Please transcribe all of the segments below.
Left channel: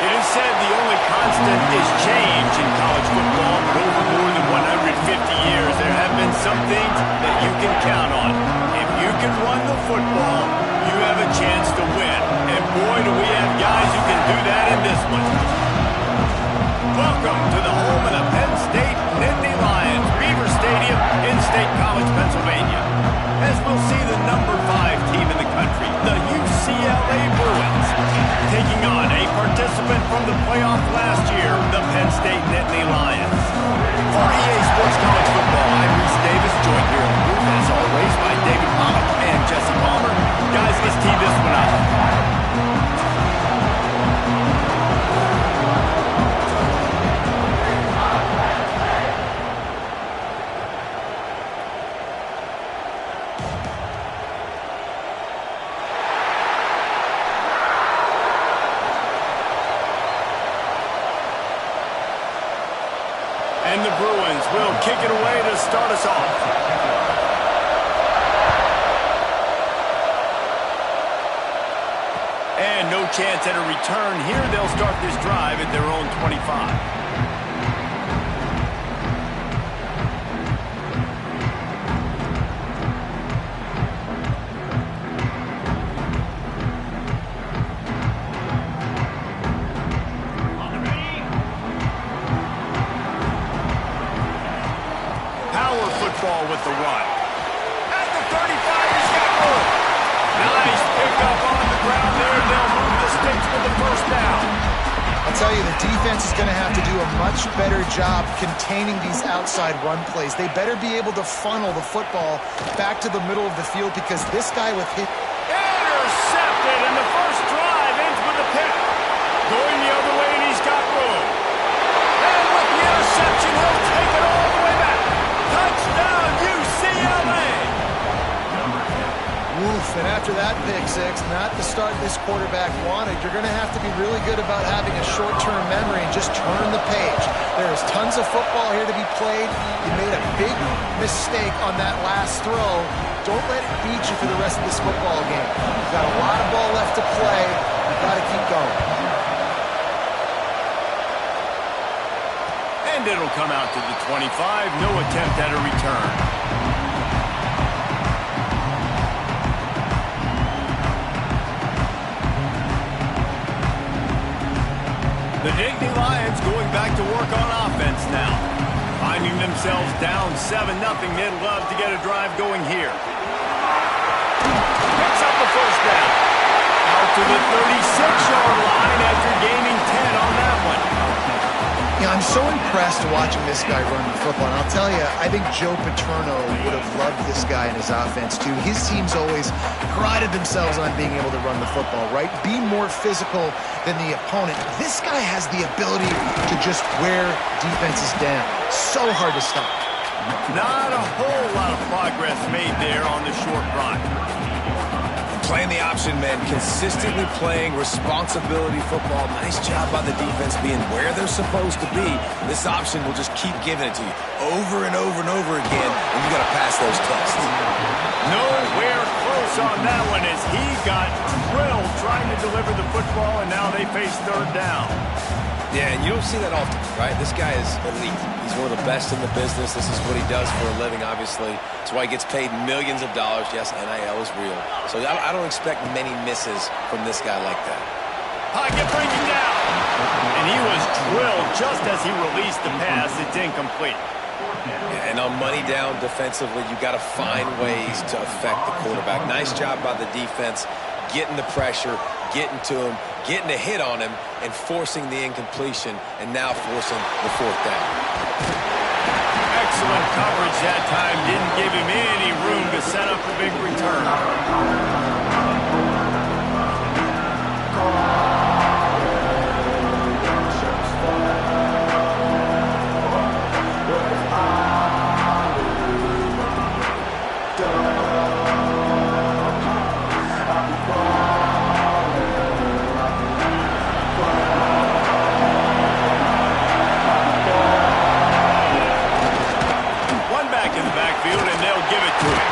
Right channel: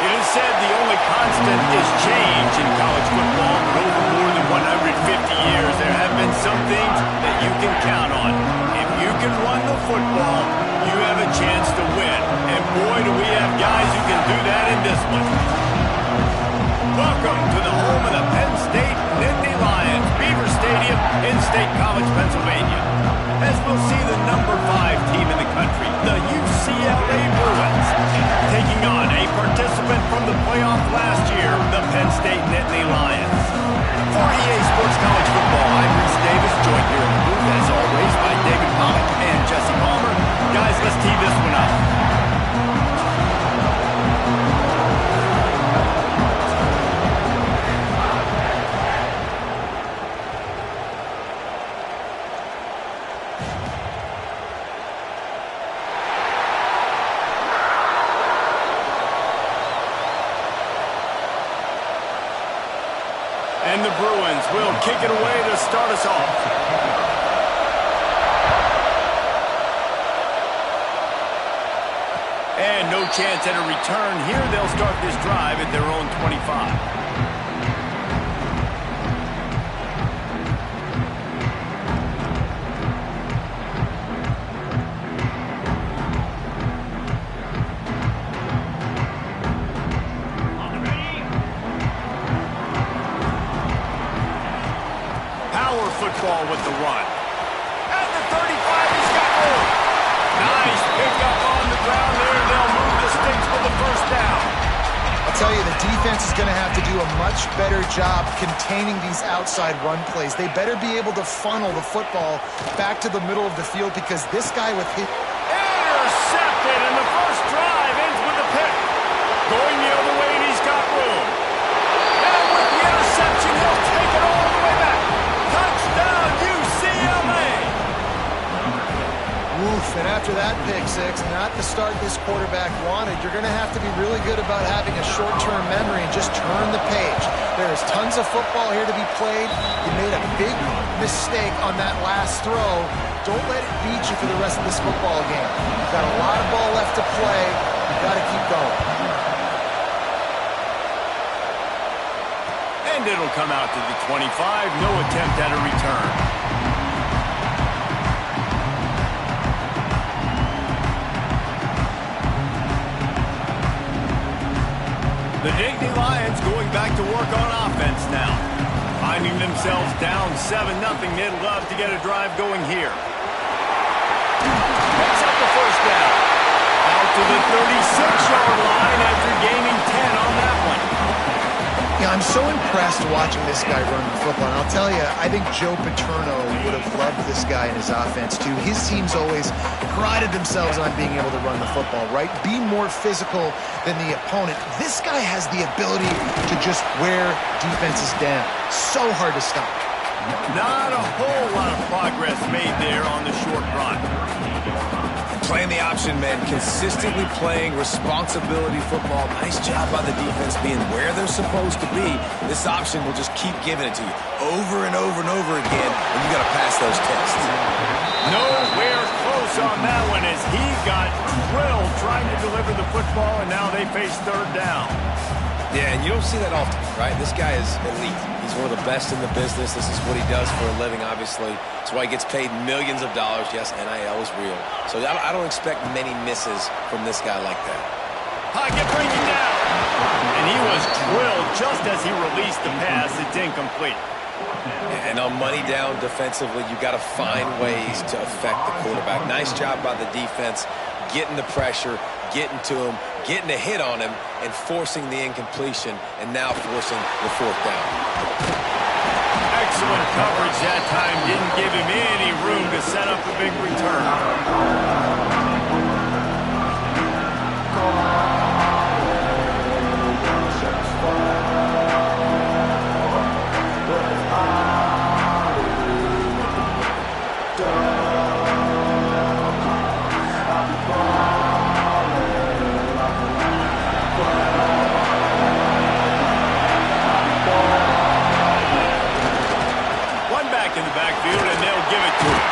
It is said the only constant is change in college football, but over more than 150 years, there have been some things that you can count on. If you can run the football, you have a chance to win. And boy, do we have guys who can do that in this one. Welcome to the home of the Penn State Nittany Lions, Beaver Stadium in State College, Pennsylvania. As we'll see the number 5 team in the country, the UCLA Bruins, taking on a participant from the playoff last year, the Penn State Nittany Lions. For EA Sports College Football, I'm Reese Davis, joined here in the booth, as always, by David Pollack and Jesse Palmer. Guys, let's tee this one up. And the Bruins will kick it away to start us off. And no chance at a return here. They'll start this drive at their own 25. Football with the run. At the 35, he's got room. Nice pickup on the ground there. They'll move the sticks with the first down. I'll tell you, the defense is going to have to do a much better job containing these outside run plays. They better be able to funnel the football back to the middle of the field because this guy with his... Intercepted, and the first drive ends with a pick. Going the other way, and he's got room. And with the interception, he'll take it all the way back. Touchdown, UCLA! Woof, and after that pick six, not the start this quarterback wanted. You're going to have to be really good about having a short-term memory and just turn the page. There's tons of football here to be played. You made a big mistake on that last throw. Don't let it beat you for the rest of this football game. You've got a lot of ball left to play. You've got to keep going. And it'll come out to the 25. No attempt at a return. The Nittany Lions going back to work on offense now. Finding themselves down 7-0. They'd love to get a drive going here. Picks up the first down. Out to the 36-yard line after gaining 10 on that one. Yeah, I'm so impressed watching this guy run the football. And I'll tell you, I think Joe Paterno would have loved this guy in his offense, too. His teams always prided themselves on being able to run the football, right? Be more physical than the opponent. This guy has the ability to just wear defenses down. So hard to stop. Not a whole lot of progress made there on the short run. Playing the option, man. Consistently playing responsibility football. Nice job by the defense being where they're supposed to be. This option will just keep giving it to you over and over and over again, and you got to pass those tests. Nowhere close on that one as he got drilled trying to deliver the football, and now they face third down. Yeah, and you don't see that often, right? This guy is elite. He's one of the best in the business. This is what he does for a living, obviously. That's why he gets paid millions of dollars. Yes, NIL is real. So I don't expect many misses from this guy like that. Pocket breaking down. And he was drilled just as he released the pass. It's incomplete. And on money down defensively, you got to find ways to affect the quarterback. Nice job by the defense, getting the pressure, getting to him, getting a hit on him, and forcing the incompletion, and now forcing the fourth down. Excellent coverage that time. Didn't give him any room to set up a big return. In the backfield, and they'll give it to him.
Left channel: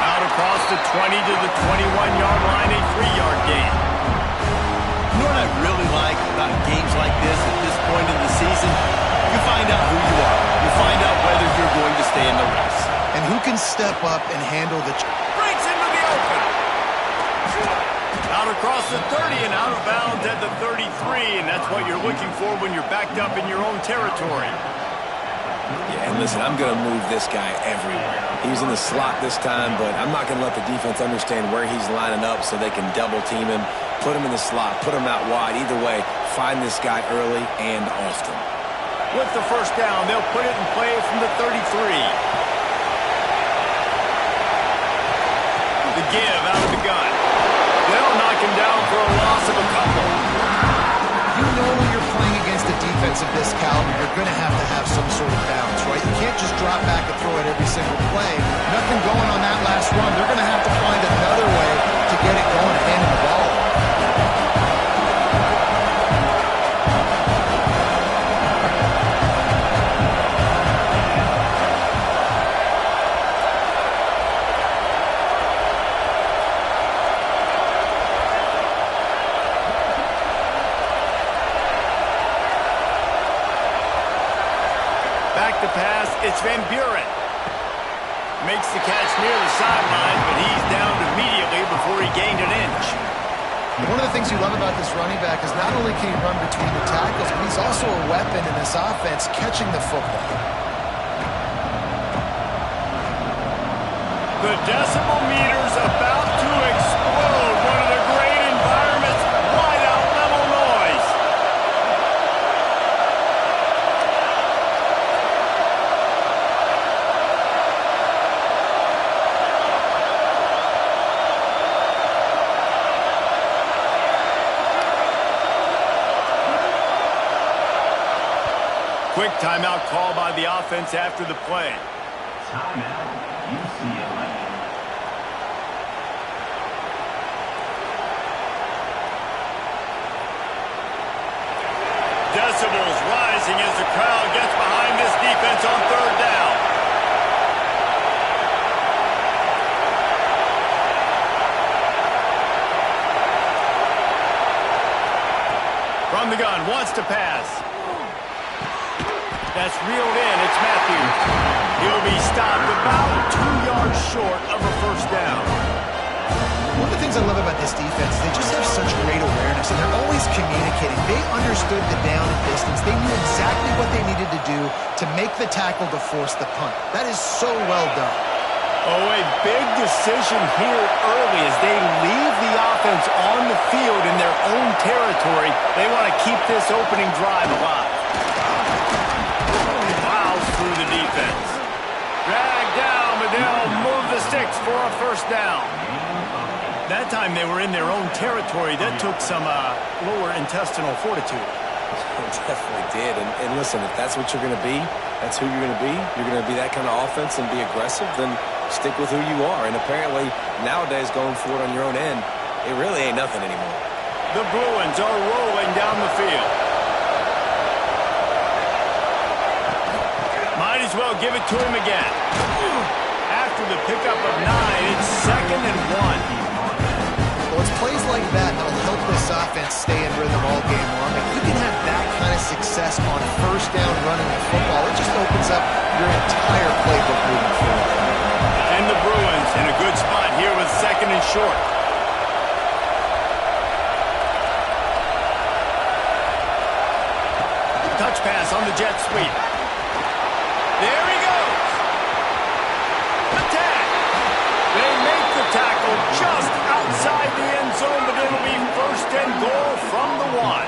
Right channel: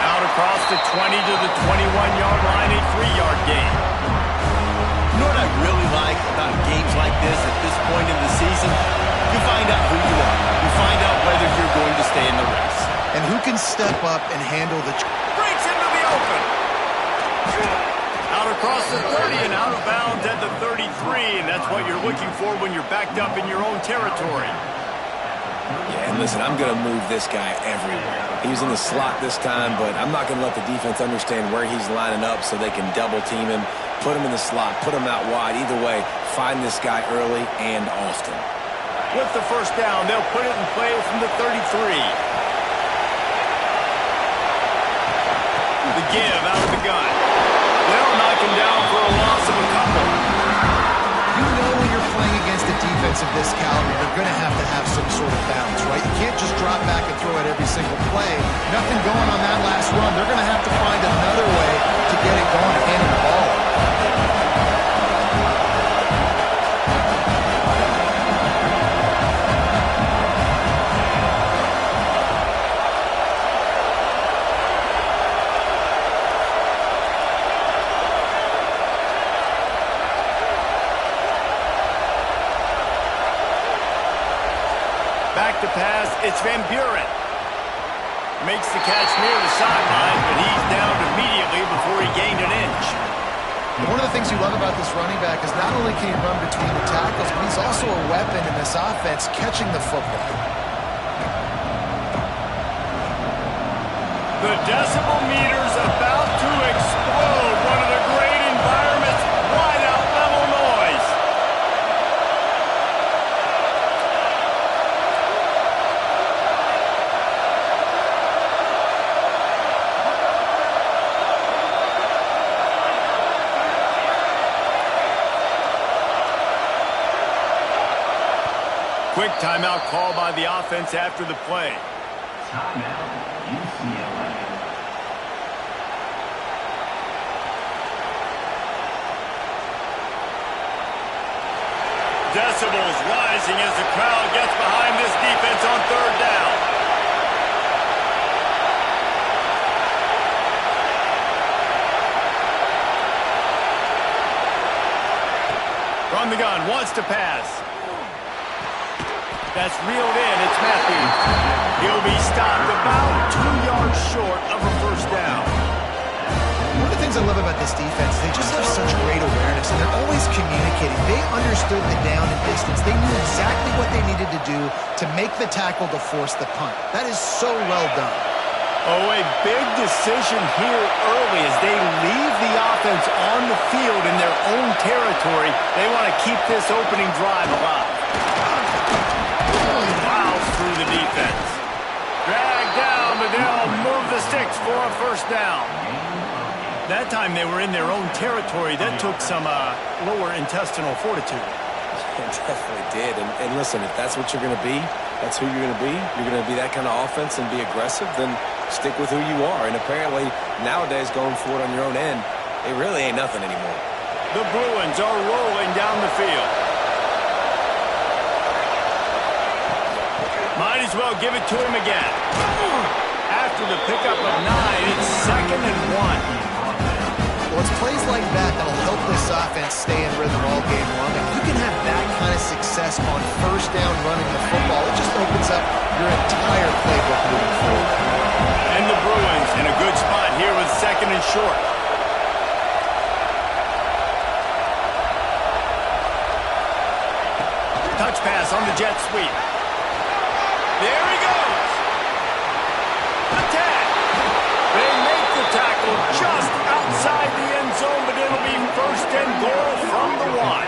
Out across the 20 to the 21-yard line, a 3-yard gain. You know what I really like about games like this at this point in the season? You find out who you are. You find out whether you're going to stay in the race. And who can step up and handle the... Breaks into the open. Out across the 30 and out of bounds at the 33, and that's what you're looking for when you're backed up in your own territory. Yeah, and listen, I'm going to move this guy everywhere. He was in the slot this time, but I'm not going to let the defense understand where he's lining up so they can double team him, put him in the slot, put him out wide. Either way, find this guy early and often. With the first down, they'll put it in play from the 33. The give out of the gun. They'll knock him down for a loss of a couple. You know when you're playing against a defense of this caliber, you're going to have some sort of balance, right? You can't just drop back and throw it every single play. Nothing going on that last run. They're going to have to find another way to get it going and handing the ball. Back to pass, it's Van Buren. Makes the catch near the sideline, but he's downed immediately before he gained an inch. One of the things you love about this running back is not only can he run between the tackles, but he's also a weapon in this offense catching the football. The decibel meter's about to explode. One of the great environments, wide out level noise. Quick timeout call by the offense after the play. Timeout, UCLA. Decibels rising as the crowd gets behind this defense on third down. From the gun, wants to pass. That's reeled in. It's Matthews. He'll be stopped about 2 yards short of a first down. One of the things I love about this defense is they just have such great awareness, and they're always communicating. They understood the down and distance. They knew exactly what they needed to do to make the tackle to force the punt. That is so well done. Oh, a big decision here early as they leave the offense on the field in their own territory. They want to keep this opening drive alive. Plows through the defense. Dragged down, but they'll move the sticks for a first down. That time they were in their own territory. That took some lower intestinal fortitude. It definitely did. And listen, if that's what you're going to be, that's who you're going to be. You're going to be that kind of offense and be aggressive, then stick with who you are. And apparently, nowadays, going for it on your own end, it really ain't nothing anymore. The Bruins are rolling down the field. Might as well give it to him again. After the pickup of 9, it's 2nd and 1. Well, it's plays like that that'll help this offense stay in rhythm all game long. If you can have that kind of success on first down running the football, it just opens up your entire playbook moving forward. And the Bruins in a good spot here with 2nd and short. Touch pass on the jet sweep. There he goes. Attack. They make the tackle just outside the end zone, but it'll be 1st and goal from the 1.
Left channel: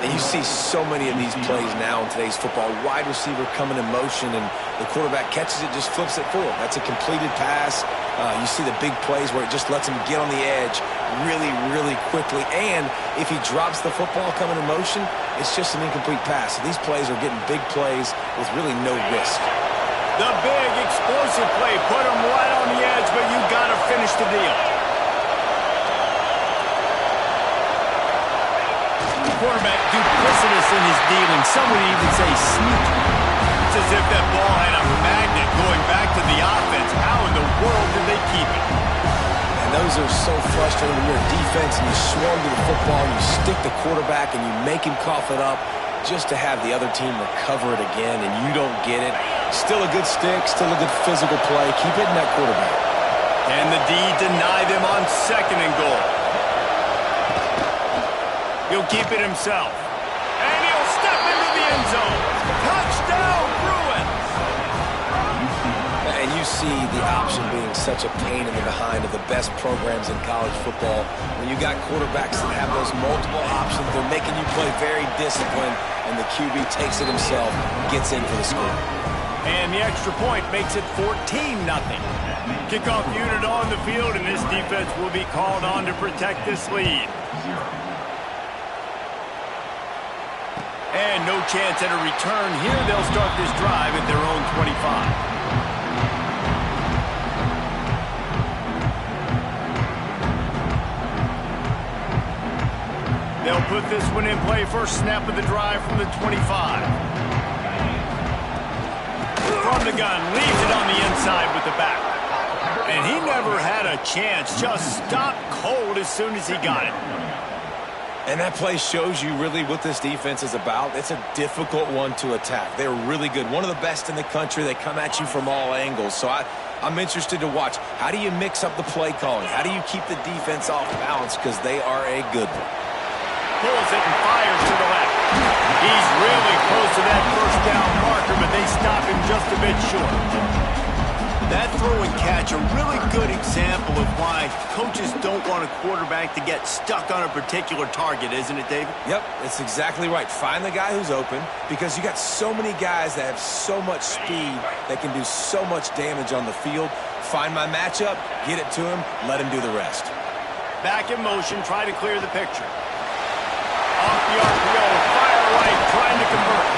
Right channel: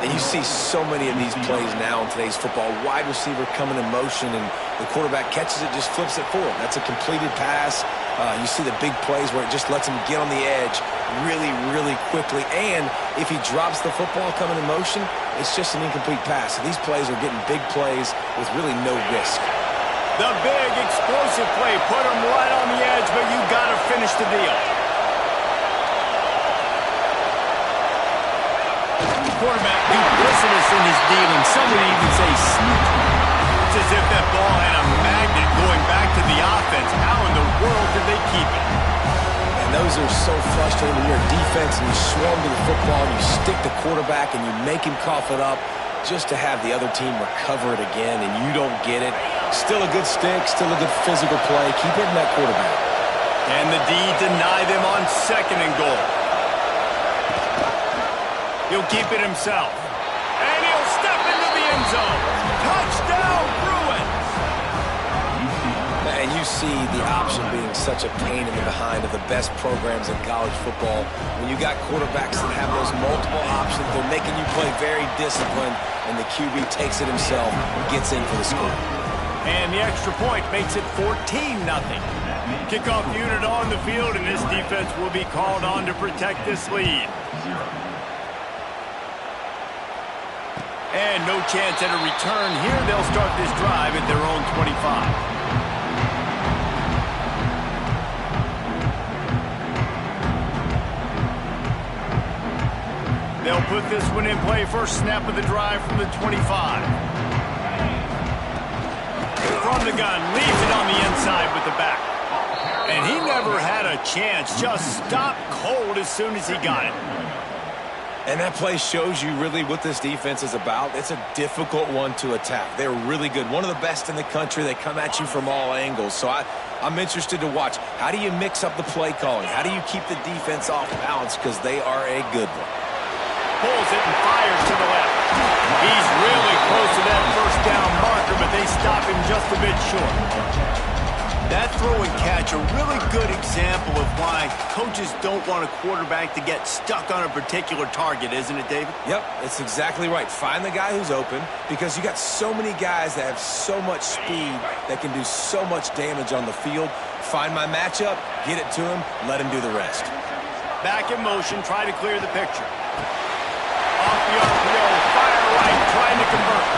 And you see so many of these plays now in today's football. Wide receiver coming in motion, and the quarterback catches it, just flips it for him. That's a completed pass. You see the big plays where it just lets him get on the edge really, really quickly. And if he drops the football coming in motion, it's just an incomplete pass. So these plays are getting big plays with really no risk. The big explosive play put him right on the edge, but you got to finish the deal. Quarterback duplicitous in his dealing. Some would even say sneaky. It's as if that ball had a magnet going back to the offense. How in the world did they keep it? And And those are so frustrating when you're a defense and you swarm to the football and you stick the quarterback and you make him cough it up just to have the other team recover it again and you don't get it. Still a good stick, still a good physical play. Keep hitting that quarterback. And the D deny them on 2nd and goal. He'll keep it himself. And he'll step into the end zone. Touchdown, Bruins! And you see the option being such a pain in the behind of the best programs in college football. When you got quarterbacks that have those multiple options, they're making you play very disciplined, and the QB takes it himself, gets in for the score. And the extra point makes it 14-0. Kickoff unit on the field, and this defense will be called on to protect this lead. And no chance at a return here. They'll start this drive at their own 25. They'll put this one in play. First snap of the drive from the 25. From the gun, leaves it on the inside with the back. And he never had a chance. Just stopped cold as soon as he got it. And that play shows you really what this defense is about. It's a difficult one to attack. They're really good. One of the best in the country. They come at you from all angles. So I'm interested to watch. How do you mix up the play calling? How do you keep the defense off balance? Because they are a good one. Pulls it and fires to the left. He's really close to that first down marker, but they stop him just a bit short. That throw and catch, a really good example of why coaches don't want a quarterback to get stuck on a particular target, isn't it, David? Yep, it's exactly right. Find the guy who's open, because you got so many guys that have so much speed that can do so much damage on the field. Find my matchup, get it to him, let him do the rest. Back in motion, try to clear the picture. Off the RPO, fire right, trying to convert.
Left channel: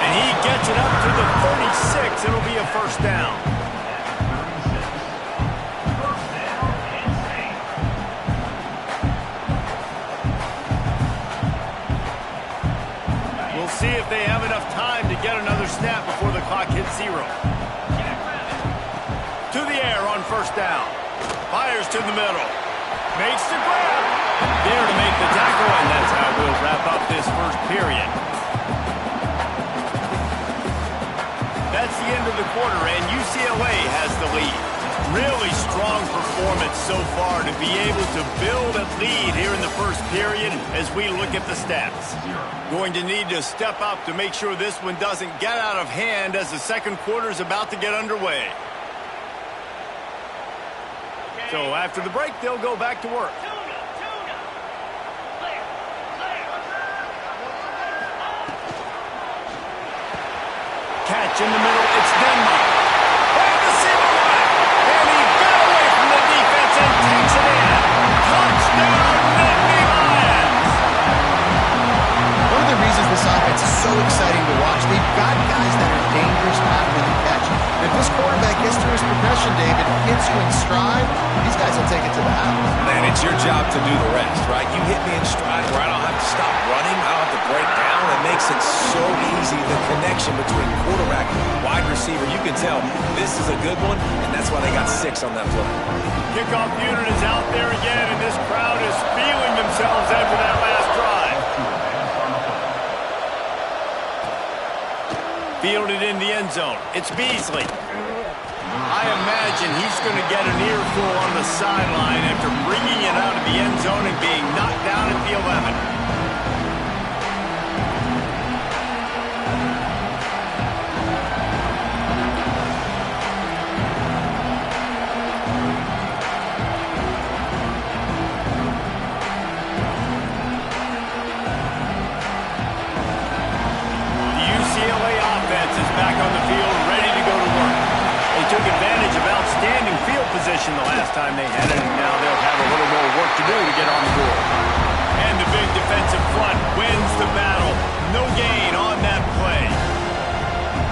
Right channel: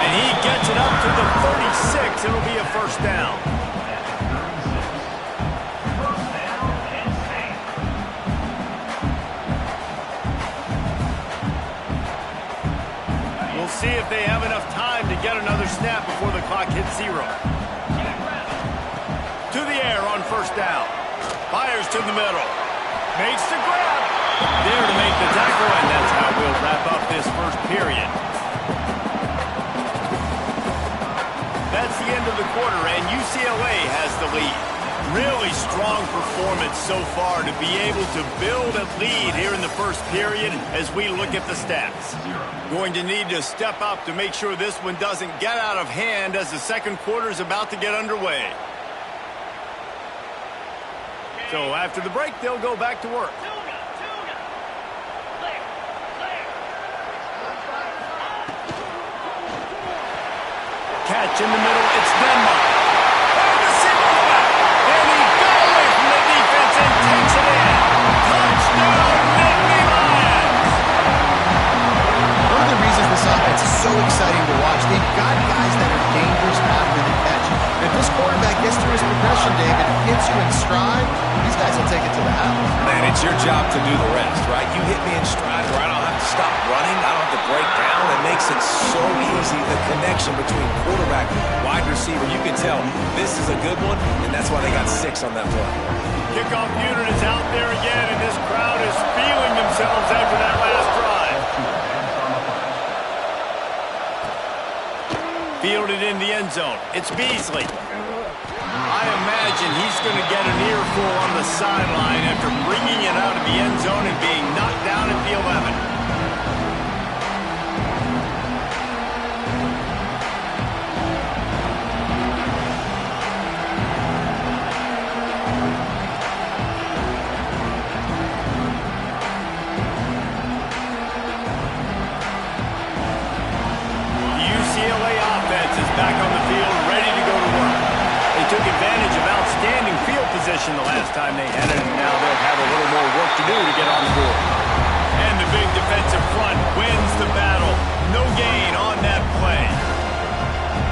And he gets it up to the 36. It'll be a first down. We'll see if they have enough time to get another snap before the clock hits 0. To the air on first down. Fires to the middle. Makes the grab. There to make the tackle, and that's how we'll wrap up this first period. That's the end of the quarter, and UCLA has the lead. Really strong performance so far to be able to build a lead here in the first period as we look at the stats. Going to need to step up to make sure this one doesn't get out of hand as the second quarter is about to get underway. So after the break, they'll go back to work. Catch in the middle, it's Denmark. And the seam on the back. And he got away from the defense and takes it in. Touchdown, Nittany Lions! One of the reasons this offense is so exciting to watch, they've got guys that are dangerous after the catch. If this quarterback gets through his progression, David, hits you in stride, these guys will take it to the house. Man, it's your job to do the rest, right? You hit me in stride where I don't have to stop running. I don't have to break down. It makes it so easy, the connection between quarterback, wide receiver. You can tell this is a good one, and that's why they got 6 on that play. Kickoff unit is out there again, and this crowd is feeling themselves after that last drive. Fielded in the end zone. It's Beasley. I imagine he's going to get an earful on the sideline after bringing it out of the end zone and being knocked down at the 11. The UCLA offense is back on the field, ready to go to work. They took advantage of outstanding field position the last time they had it, and now they'll have a little more work to do to get on the board. And the big defensive front wins the battle. No gain on that play.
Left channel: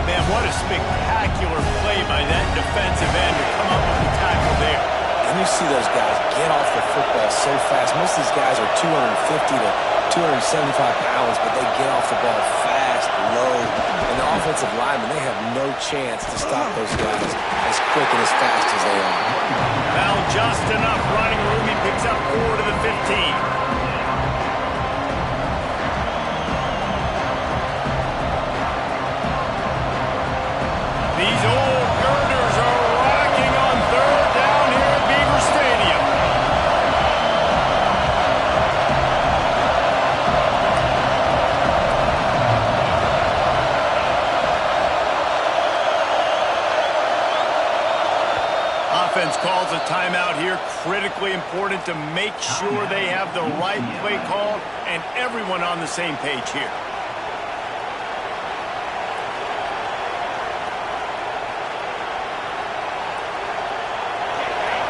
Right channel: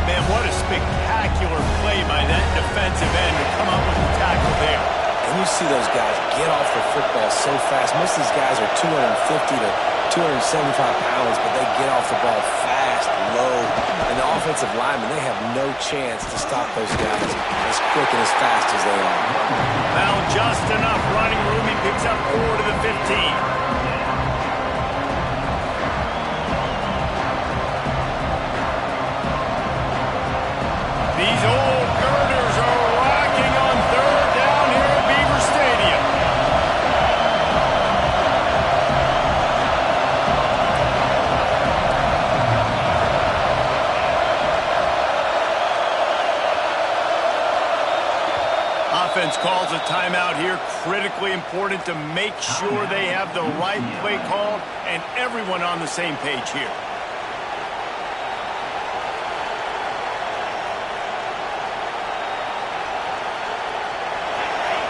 Man, what a spectacular play by that defensive end to come up with the tackle there. And you see those guys get off the football so fast. Most of these guys are 250 to 275 pounds, but they get off the ball fast, low, and the offensive linemen, they have no chance to stop those guys as quick and as fast as they are. Now just enough running room. He picks up 4 to the 15. These old girders are rocking on 3rd down here at Beaver Stadium. Offense calls a timeout here. Critically important to make sure they have the right play called and everyone on the same page here.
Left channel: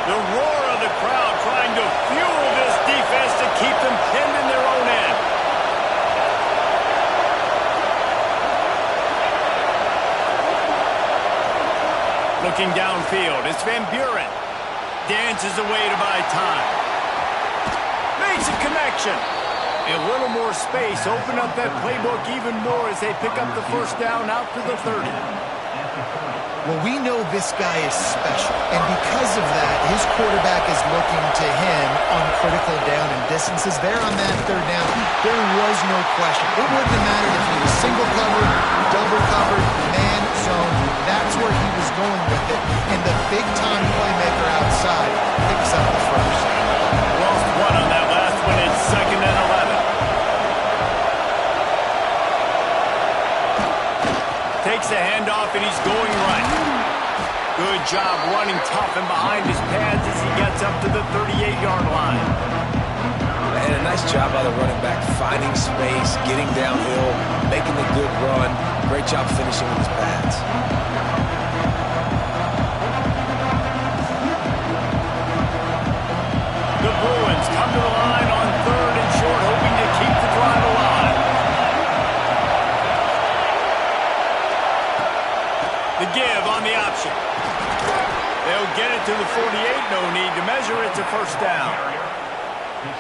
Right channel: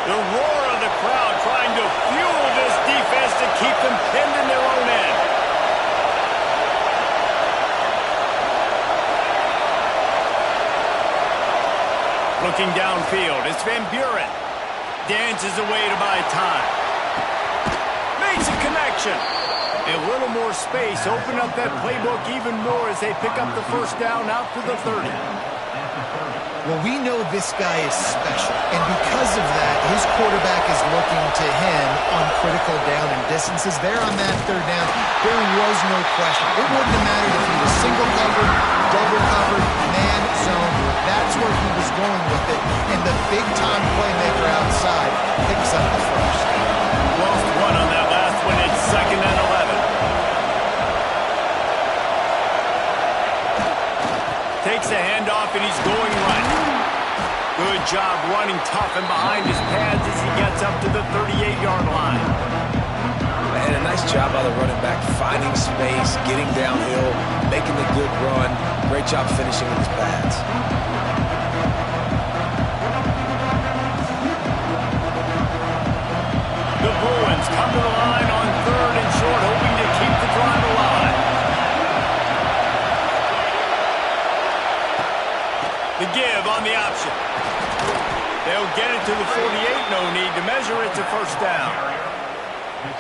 The roar of the crowd trying to fuel this defense to keep them pinned in their own end. Looking downfield, it's Van Buren. Dances away to buy time. Makes a connection. A little more space, open up that playbook even more as they pick up the first down out to the 30. Well, we know this guy is special, and because of that, his quarterback is looking to him on critical down and distances. There on that 3rd down, there was no question. It wouldn't have mattered if he was single covered, double covered, man zone. That's where he was going with it, and the big-time playmaker outside picks up the first. Lost 1 on that last one. It's 2nd and 11. Takes the handoff, and he's going right. Good job running tough and behind his pads as he gets up to the 38-yard line. And a nice job by the running back, finding space, getting downhill, making a good run. Great job finishing with his pads. The Bruins come to the line on 3rd and short, hoping to keep the drive alive. The give on the option. They'll get it to the 48. No need to measure. It's a first down.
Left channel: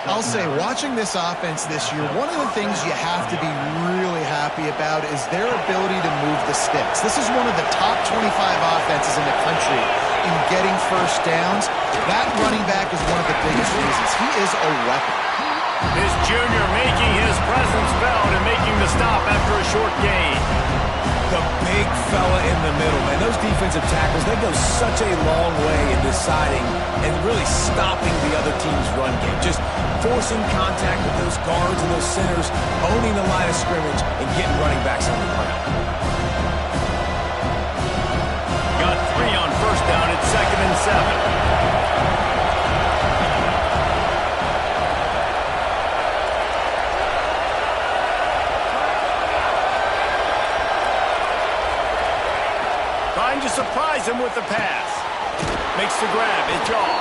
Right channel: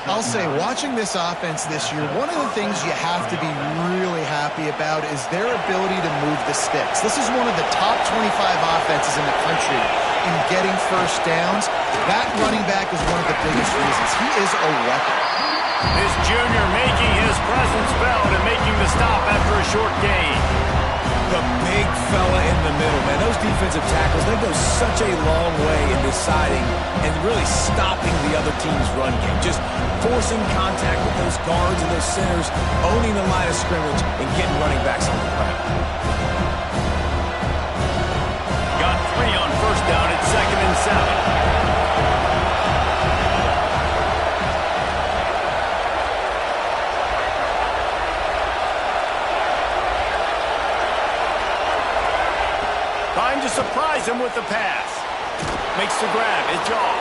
I'll say, watching this offense this year, one of the things you have to be really happy about is their ability to move the sticks. This is one of the top 25 offenses in the country in getting first downs. That running back is one of the biggest reasons. He is a weapon. This junior making his presence felt and making the stop after a short gain. The big fella in the middle, man. Those defensive tackles, they go such a long way in deciding and really stopping the other team's run game. Just forcing contact with those guards and those centers, owning the line of scrimmage, and getting running backs on the ground. Got 3 on first down. It's 2nd and 7. Trying to surprise him with the pass. Makes the grab. It's off.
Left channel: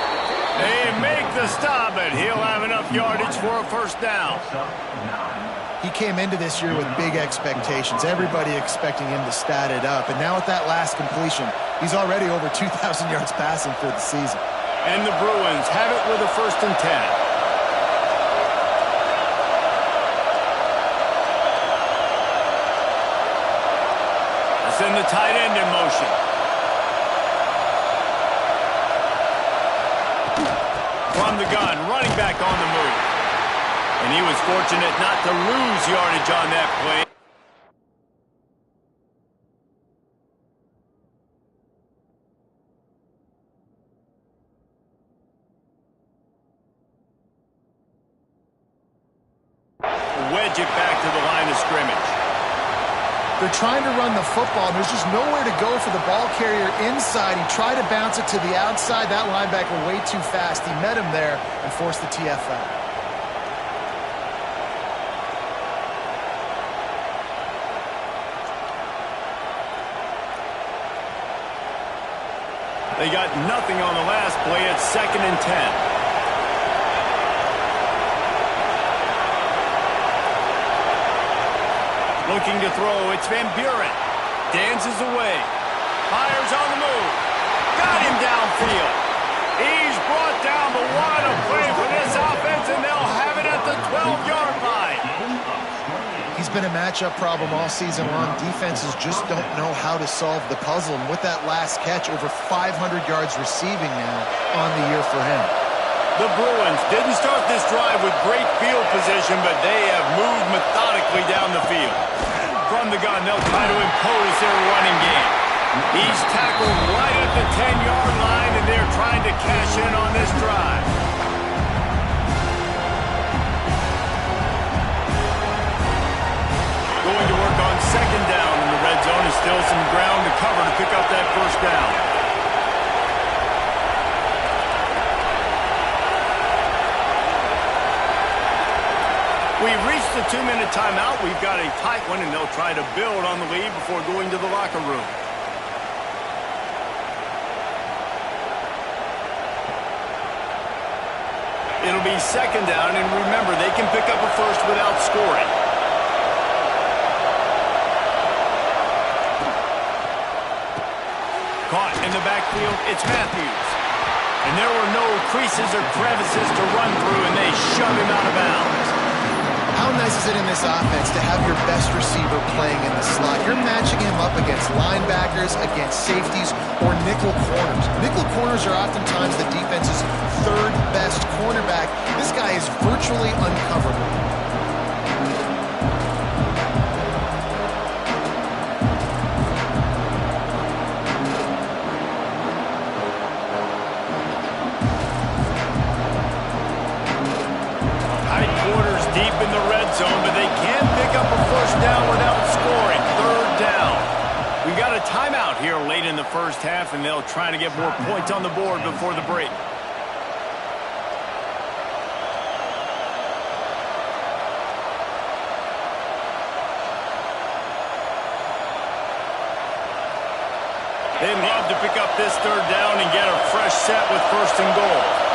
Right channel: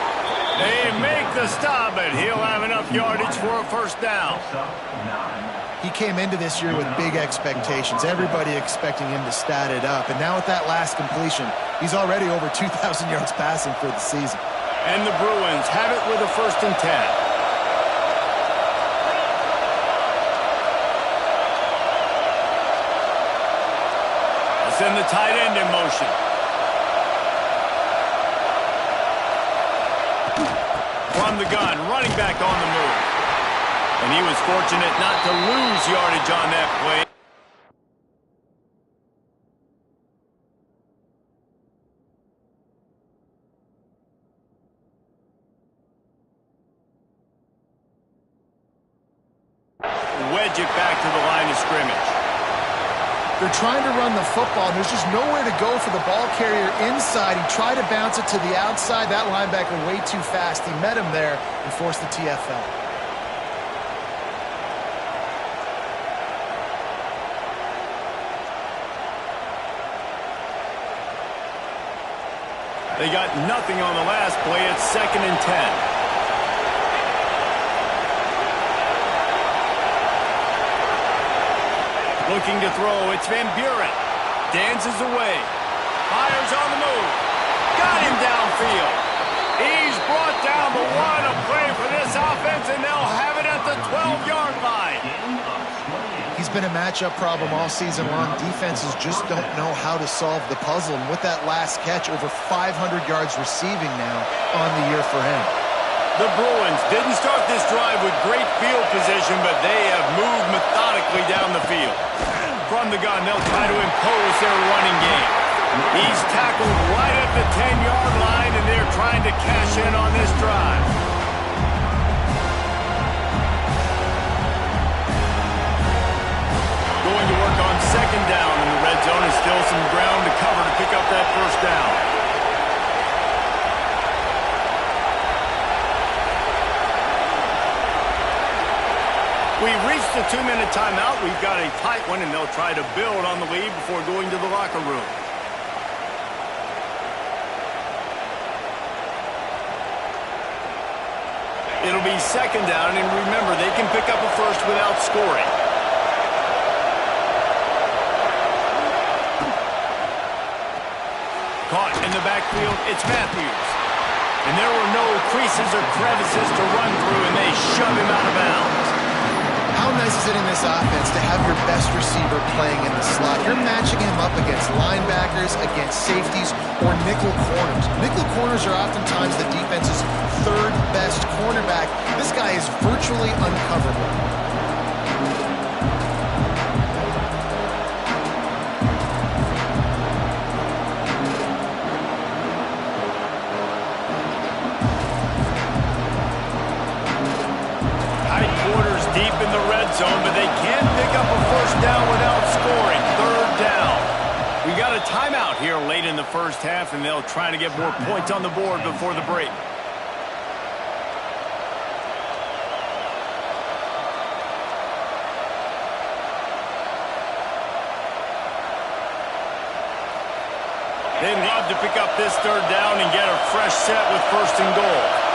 They make the stop, but he'll have enough yardage for a first down. He came into this year with big expectations. Everybody expecting him to stat it up. And now with that last completion, he's already over 2,000 yards passing for the season. And the Bruins have it with a 1st and 10. Send the tight end in motion. From the gun, running back on the move. And he was fortunate not to lose yardage on that play. Wedge it back to the line of scrimmage. They're trying to run the football, and there's just nowhere to go for the ball carrier inside. He tried to bounce it to the outside. That linebacker way too fast. He met him there and forced the TFL. They got nothing on the last play. It's 2nd and 10. Looking to throw, it's Van Buren. Dances away. Fires on the move. Got him downfield. He's brought down, but what a play for this offense, and they'll have it at the 12-yard line. been a matchup problem all season long. Defenses just don't know how to solve the puzzle. And with that last catch, over 500 yards receiving now on the year for him. The Bruins didn't start this drive with great field position, but they have moved methodically down the field. From the gun, they'll try to impose their running game. He's tackled right at the 10-yard line, and they're trying to cash in on this drive. Going to work on second down in the red zone. Is still some ground to cover to pick up that first down. We've reached the 2-minute timeout. We've got a tight one, and they'll try to build on the lead before going to the locker room. It'll be second down, and remember, they can pick up a first without scoring. Caught in the backfield, it's Matthews. And there were no creases or crevices to run through, and they shove him out of bounds. How nice is it in this offense to have your best receiver playing in the slot? You're matching him up against linebackers, against safeties, or nickel corners. Nickel corners are oftentimes the defense's third best cornerback. This guy is virtually uncoverable. Deep in the red zone, but they can't pick up a first down without scoring. Third down. We got a timeout here late in the first half, and they'll try to get more points on the board before the break. They'd love to pick up this third down and get a fresh set with first and goal.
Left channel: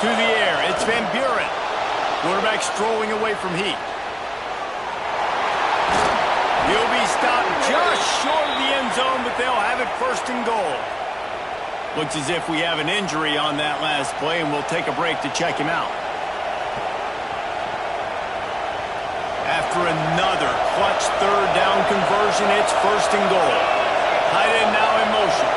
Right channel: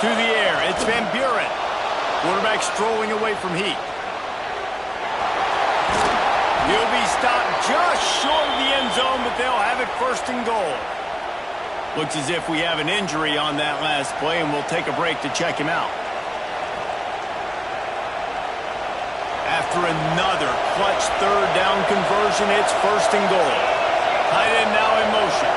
Through the air, it's Van Buren. Quarterback strolling away from Heat. He'll be stopped just short of the end zone, but they'll have it first and goal. Looks as if we have an injury on that last play, and we'll take a break to check him out. After another clutch third down conversion, it's first and goal. Tight end now in motion.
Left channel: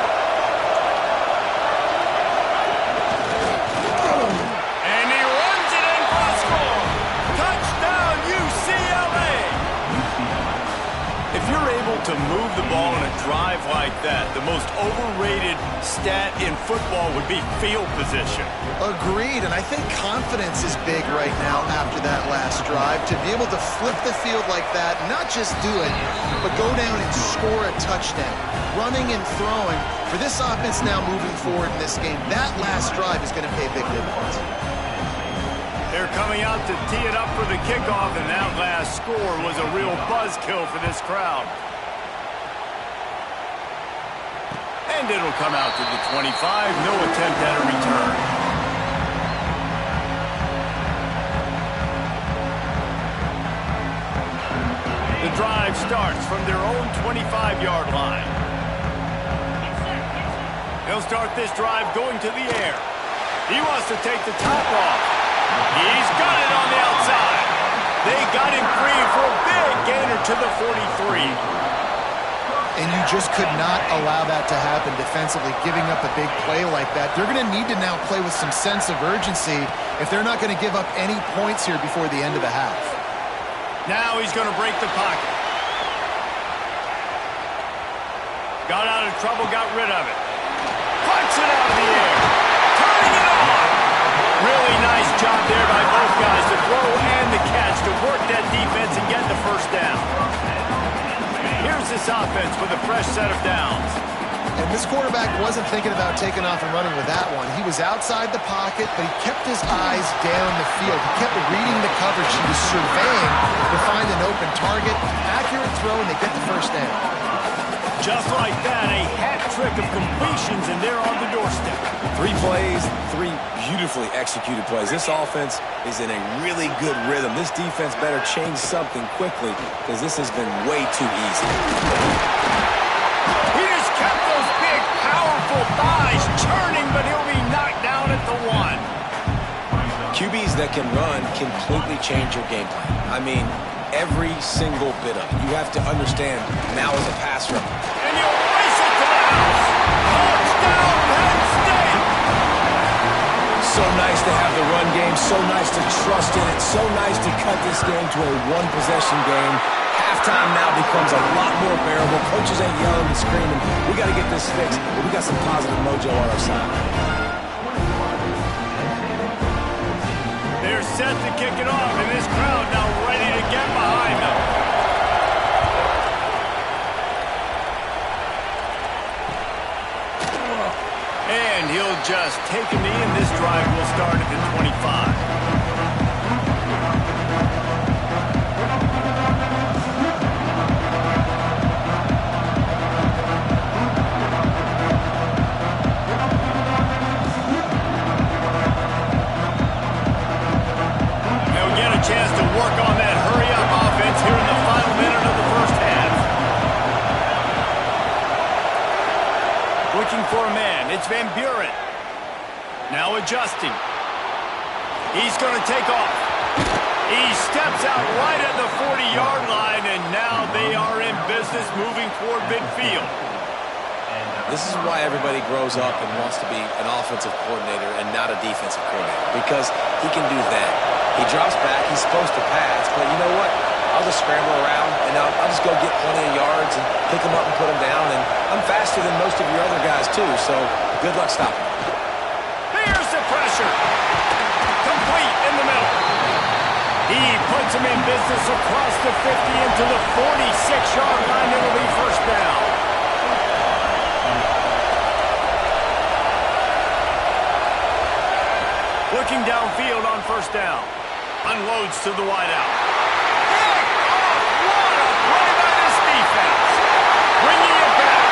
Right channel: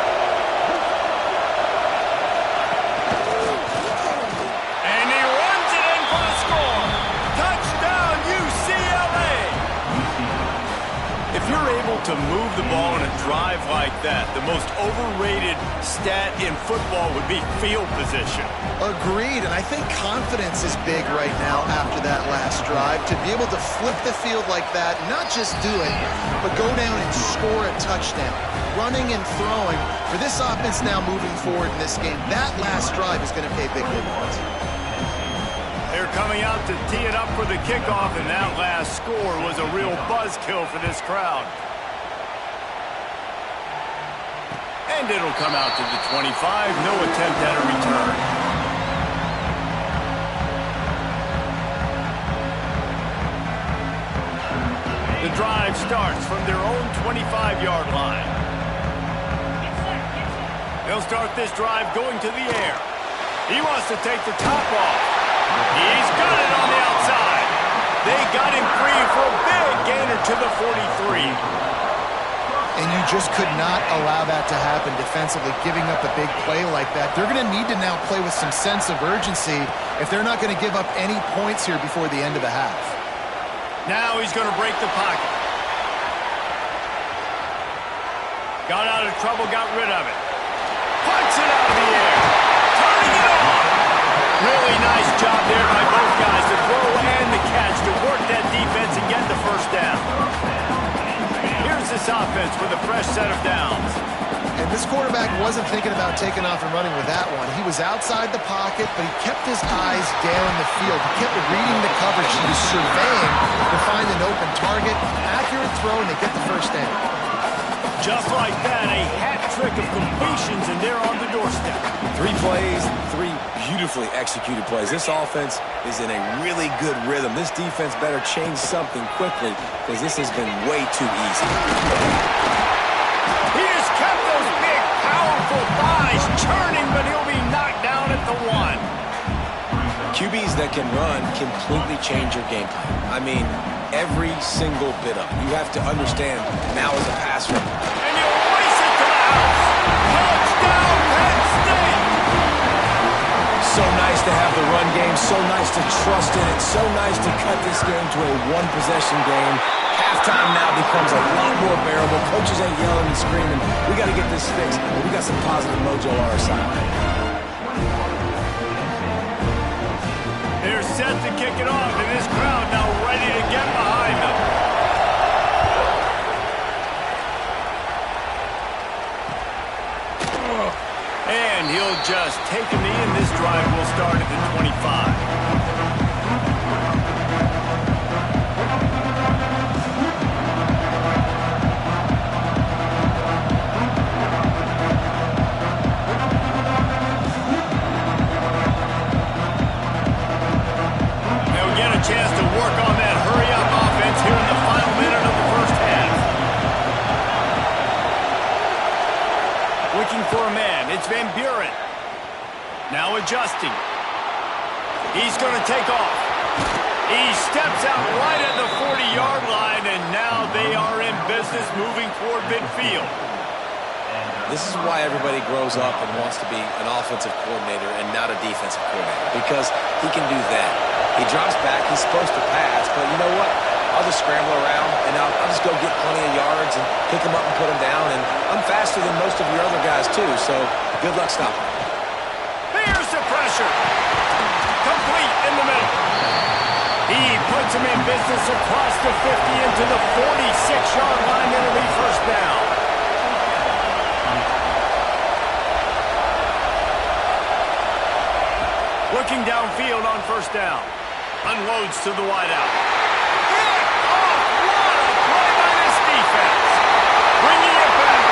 If you're able to move the ball in a drive like that, the most overrated stat in football would be field position. Agreed, and I think confidence is big right now after that last drive. To be able to flip the field like that, not just do it, but go down and score a touchdown. Running and throwing, for this offense now moving forward in this game, that last drive is going to pay big dividends. They're coming out to tee it up for the kickoff, and that last score was a real buzzkill for this crowd. And it'll come out to the 25. No attempt at a return. The drive starts from their own 25-yard line. They'll start this drive going to the air. He wants to take the top off. He's got it on the outside. They got him free for a big gainer to the 43. And you just could not allow that to happen defensively, giving up a big play like that. They're going to need to now play with some sense of urgency if they're not going to give up any points here before the end of the half. Now he's going to break the pocket. Got out of trouble, got rid of it. Punts it out of the air. Turning it on. Really nice job there by both guys to throw and the catch to work that defense and get the first down. Here's this offense with a fresh set of downs. And this quarterback wasn't thinking about taking off and running with that one. He was outside the pocket, but he kept his eyes down the field. He kept reading the coverage. He was surveying to find an open target. Accurate throw, and they get the first down. Just like that, a hat trick of completions, and they're on the door. doorstep. 3 plays, 3 beautifully executed plays. This offense is in a really good rhythm. This defense better change something quickly because this has been way too easy. He just kept those big, powerful thighs churning, but he'll be knocked down at the 1. QBs that can run completely change your game plan. I mean, every single bit of it. You have to understand now is a pass runner. And you'll race it to the house. Touchdown, Penn State! So nice to have the run game, so nice to trust in it, so nice to cut this game to a 1-possession game. Halftime now becomes a lot more bearable. Coaches ain't yelling and screaming. We got to get this fixed, but we got some positive mojo on our side. They're set to kick it off, and this crowd now ready to get behind them. And he'll just take a knee, and this drive will start at the 25. Chance to work on that hurry-up offense here in the final minute of the first half. Looking for a man. It's Van Buren. Now adjusting. He's going to take off. He steps out right at the 40-yard line, and now they are in business moving toward midfield. This is why everybody grows up and wants to be an offensive coordinator and not a defensive coordinator, because he can do that. He drops back. He's supposed to pass, but you know what? I'll just scramble around, and I'll just go get plenty of yards and pick him up and put him down, and I'm faster than most of your other guys, too, so good luck stopping him. Here's the pressure. Complete in the middle. He puts him in business across the 50 into the 46-yard line. It'll be first down. Looking downfield on first down. Unloads to the wideout. Pick off! What a play by this defense. Bringing it back.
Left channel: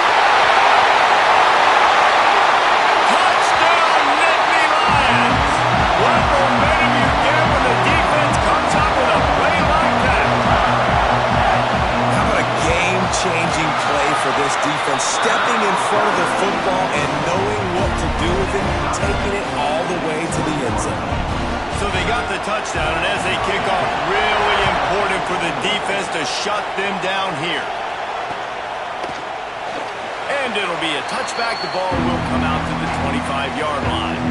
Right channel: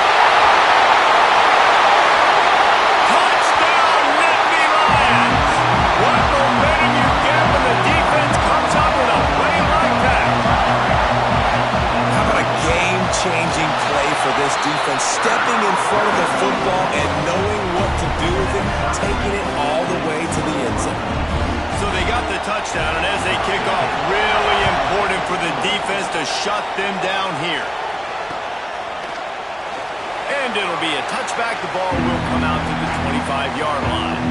Touchdown, Nittany Lions. What momentum you get when the defense comes up with a play like that. How about a game-changing play for this defense? Stepping in front of the football and knowing what to do with it, taking it all the way to the end zone. So they got the touchdown, and as they kick off, really important for the defense to shut them down here. And it'll be a touchback. The ball will come out to the 25-yard line.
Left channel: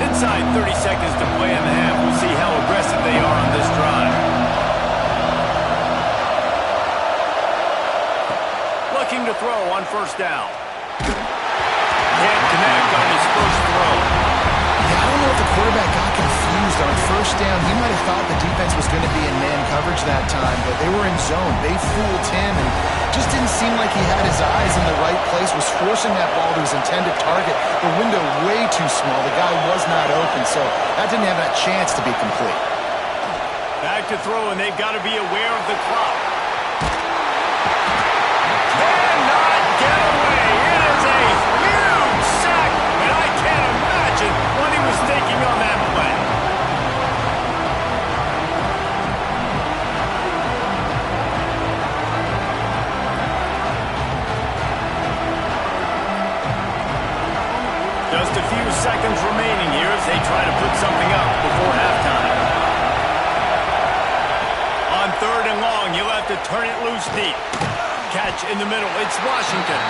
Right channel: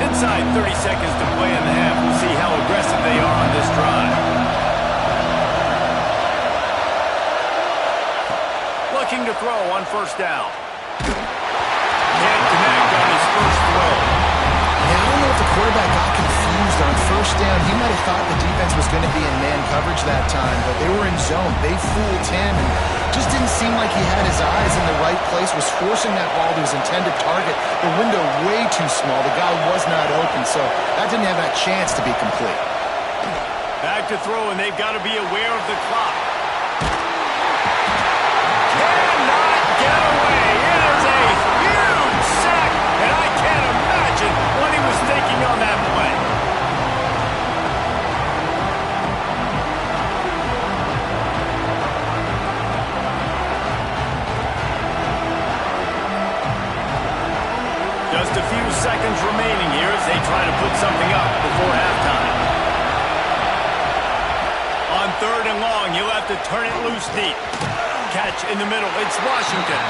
Inside 30 seconds to play in the half. We'll see how aggressive they are on this drive. Looking to throw on first down. Can't connect on his first throw. Yeah, I don't know if the quarterback got confused on first down. He might have thought the defense was going to be in man coverage that time, but they were in zone. They fooled him and just didn't seem like he had his eyes in the right place, was forcing that ball to his intended target. The window way too small. The guy was not open, so that didn't have that chance to be complete. Back to throw, and they've got to be aware of the clock. Cannot get away. It is a huge sack, and I can't imagine what he was thinking on that play. Just a few seconds remaining here as they try to put something up before halftime. On third and long, you'll have to turn it loose deep. Catch in the middle. It's Washington.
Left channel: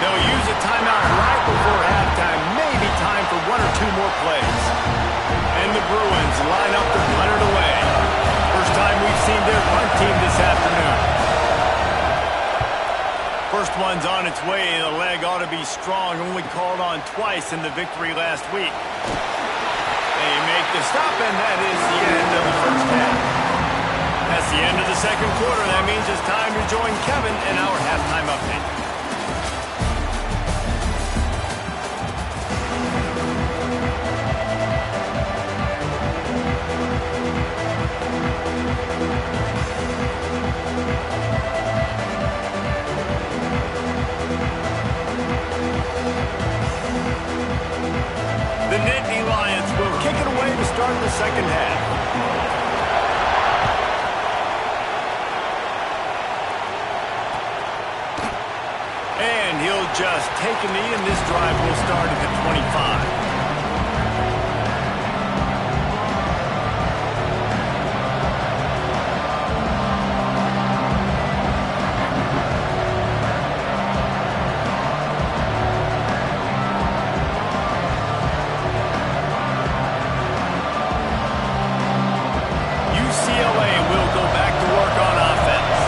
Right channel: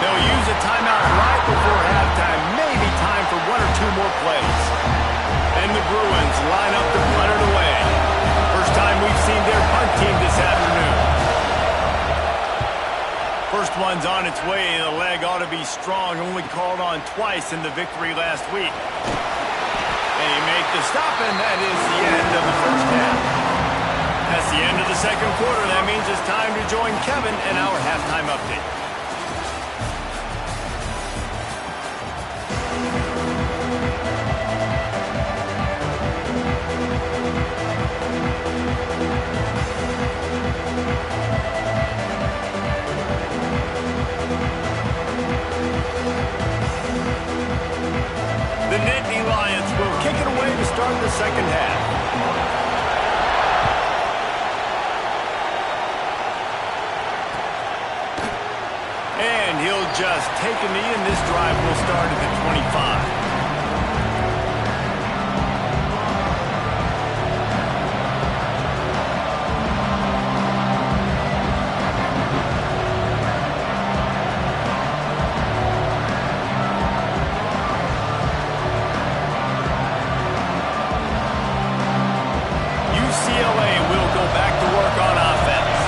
They'll use a timeout right before halftime. Maybe time for 1 or 2 more plays. And the Bruins line up to punt it away. First time we've seen their punt team this afternoon. First one's on its way. The leg ought to be strong. Only called on twice in the victory last week. They make the stop, and that is the end of the first half. That's the end of the second quarter. That means it's time to join Kevin in our halftime update. The Nittany Lions will kick it away to start the second half. And he'll just take a knee, and this drive will start at the 25. UCLA will go back to work on offense.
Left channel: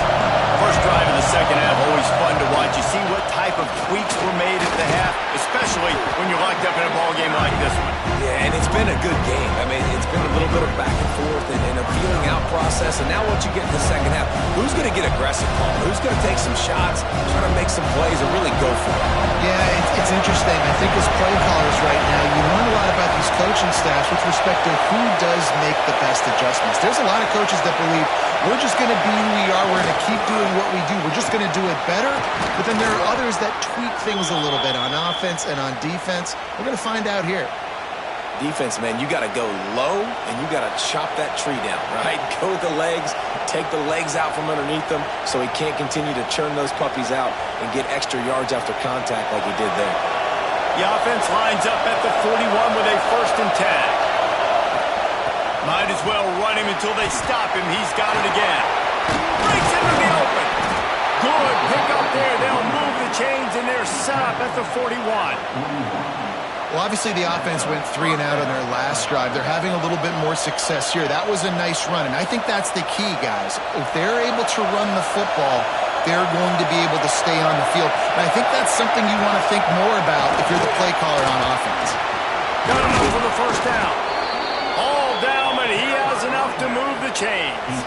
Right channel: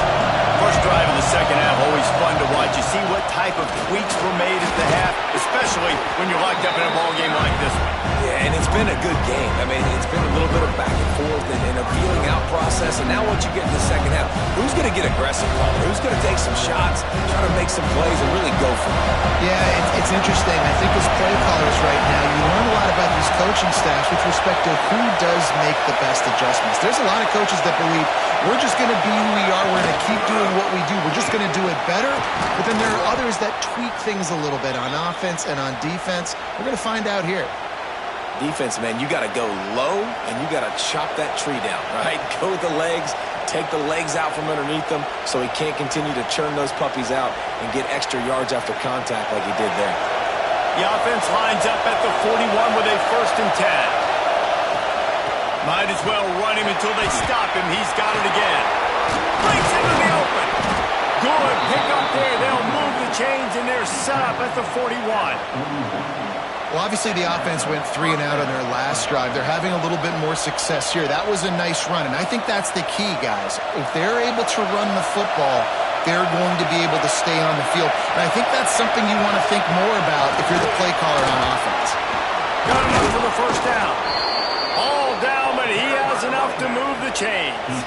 First drive of the second half, always fun to watch. You see what type of tweaks were made at the half, especially when you're locked up in a ball game like this one. Yeah, and it's been a good game. I mean, it's been a little bit of back and forth and a feeling out process. And now once you get in the second half, who's going to get aggressive, Paul? Who's going to take some shots, try to make some plays, and really go for it? Yeah, it's interesting. I think as play callers right now, you learn a lot about these coaching staffs with respect to who does make the best adjustments. There's a lot of coaches that believe we're just going to be who we are. We're going to keep doing what we do. We're just going to do it better. But then there are others that tweak things a little bit on offense and on defense. We're going to find out here. Defense, man, you got to go low, and you got to chop that tree down, right? Go with the legs, take the legs out from underneath them so he can't continue to churn those puppies out and get extra yards after contact like he did there. The offense lines up at the 41 with a 1st and 10. Might as well run him until they stop him. He's got it again. Breaks into the open. Good pick up there. They'll move the chains, and they're set up at the 41. Well, obviously the offense went 3 and out on their last drive. They're having a little bit more success here. That was a nice run, and I think that's the key, guys. If they're able to run the football, they're going to be able to stay on the field. And I think that's something you want to think more about if you're the play caller on offense. Got enough for the 1st down. All down, but he has enough to move the chains.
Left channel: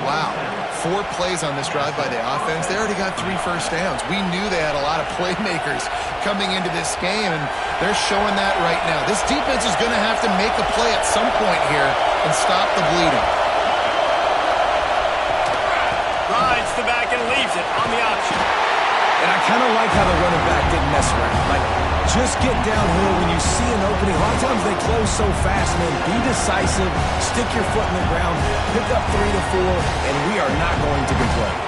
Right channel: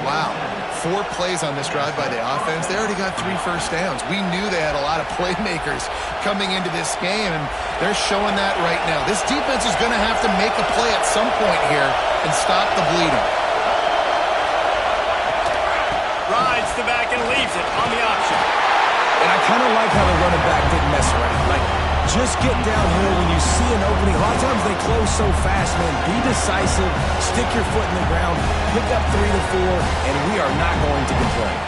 Wow. 4 plays on this drive by the offense. They already got 3 first downs. We knew they had a lot of playmakers coming into this game, and they're showing that right now. This defense is going to have to make a play at some point here and stop the bleeding. Rides the back and leaves it on the option. And I kind of like how the running back didn't mess around. Like, just get downhill when you see an opening. A lot of times they close so fast, man. Be decisive, stick your foot in the ground, pick up 3 to 4, and we are not going to complain.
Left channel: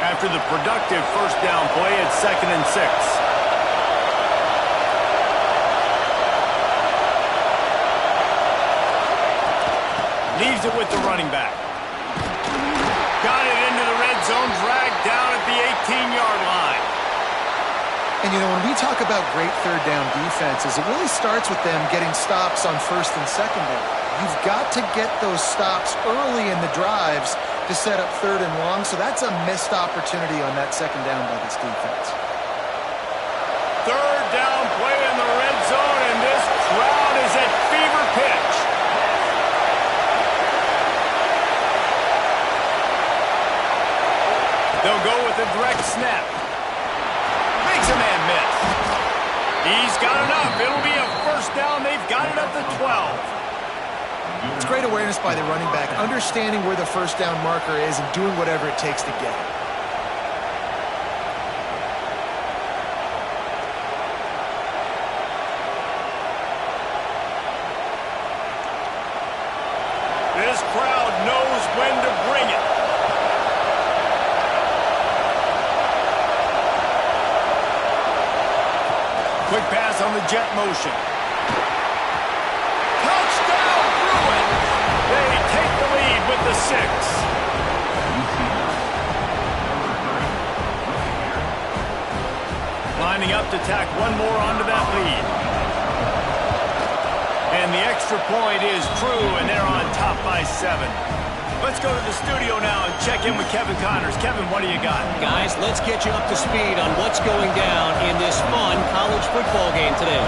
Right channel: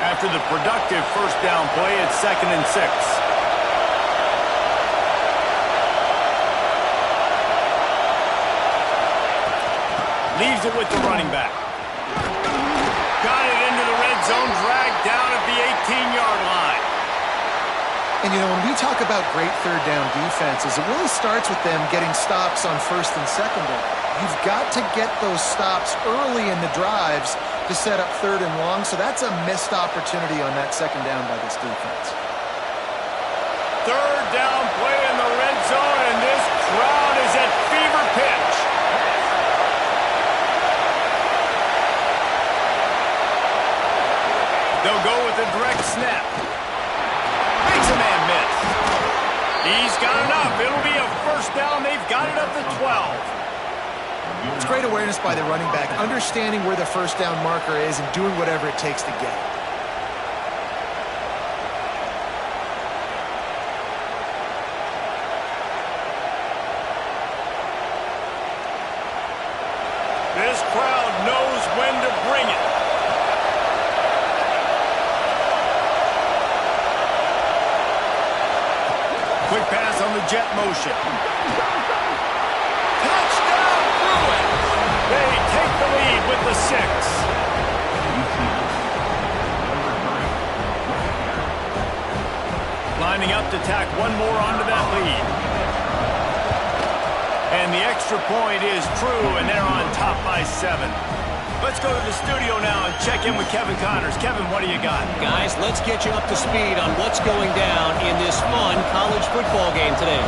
After the productive 1st down play, it's 2nd and 6. Leaves it with the running back. Got it into the red zone, dragged down at the 18-yard line. And, you know, when we talk about great 3rd down defenses, it really starts with them getting stops on 1st and 2nd down. You've got to get those stops early in the drives to set up 3rd and long, so that's a missed opportunity on that 2nd down by this defense. 3rd down play in the red zone, and this crowd is at fever pitch. They'll go with a direct snap. Makes a man miss. He's got enough. It'll be a 1st down. They've got it at the 12. It's great awareness by the running back, understanding where the 1st down marker is and doing whatever it takes to get it. This crowd knows when to bring it. Quick pass on the jet motion. Touchdown, Bruins! They take the lead with the 6. Lining up to tack one more onto that lead. And the extra point is true, and they're on top by 7. Let's go to the studio now and check in with Kevin Connors. Kevin, what do you got? Guys, let's get you up to speed on what's going down in this fun college football game today.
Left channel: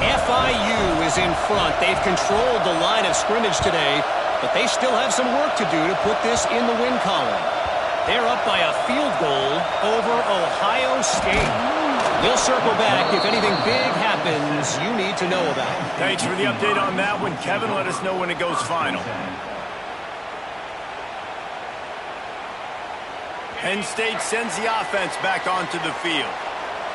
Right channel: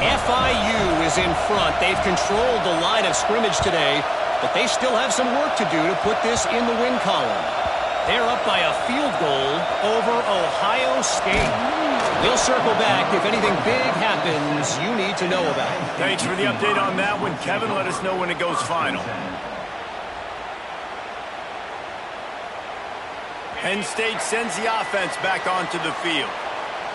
FIU is in front. They've controlled the line of scrimmage today, but they still have some work to do to put this in the win column. They're up by a field goal over Ohio State. He'll circle back if anything big happens you need to know about. Thanks for the update on that one, Kevin. Let us know when it goes final. Penn State sends the offense back onto the field.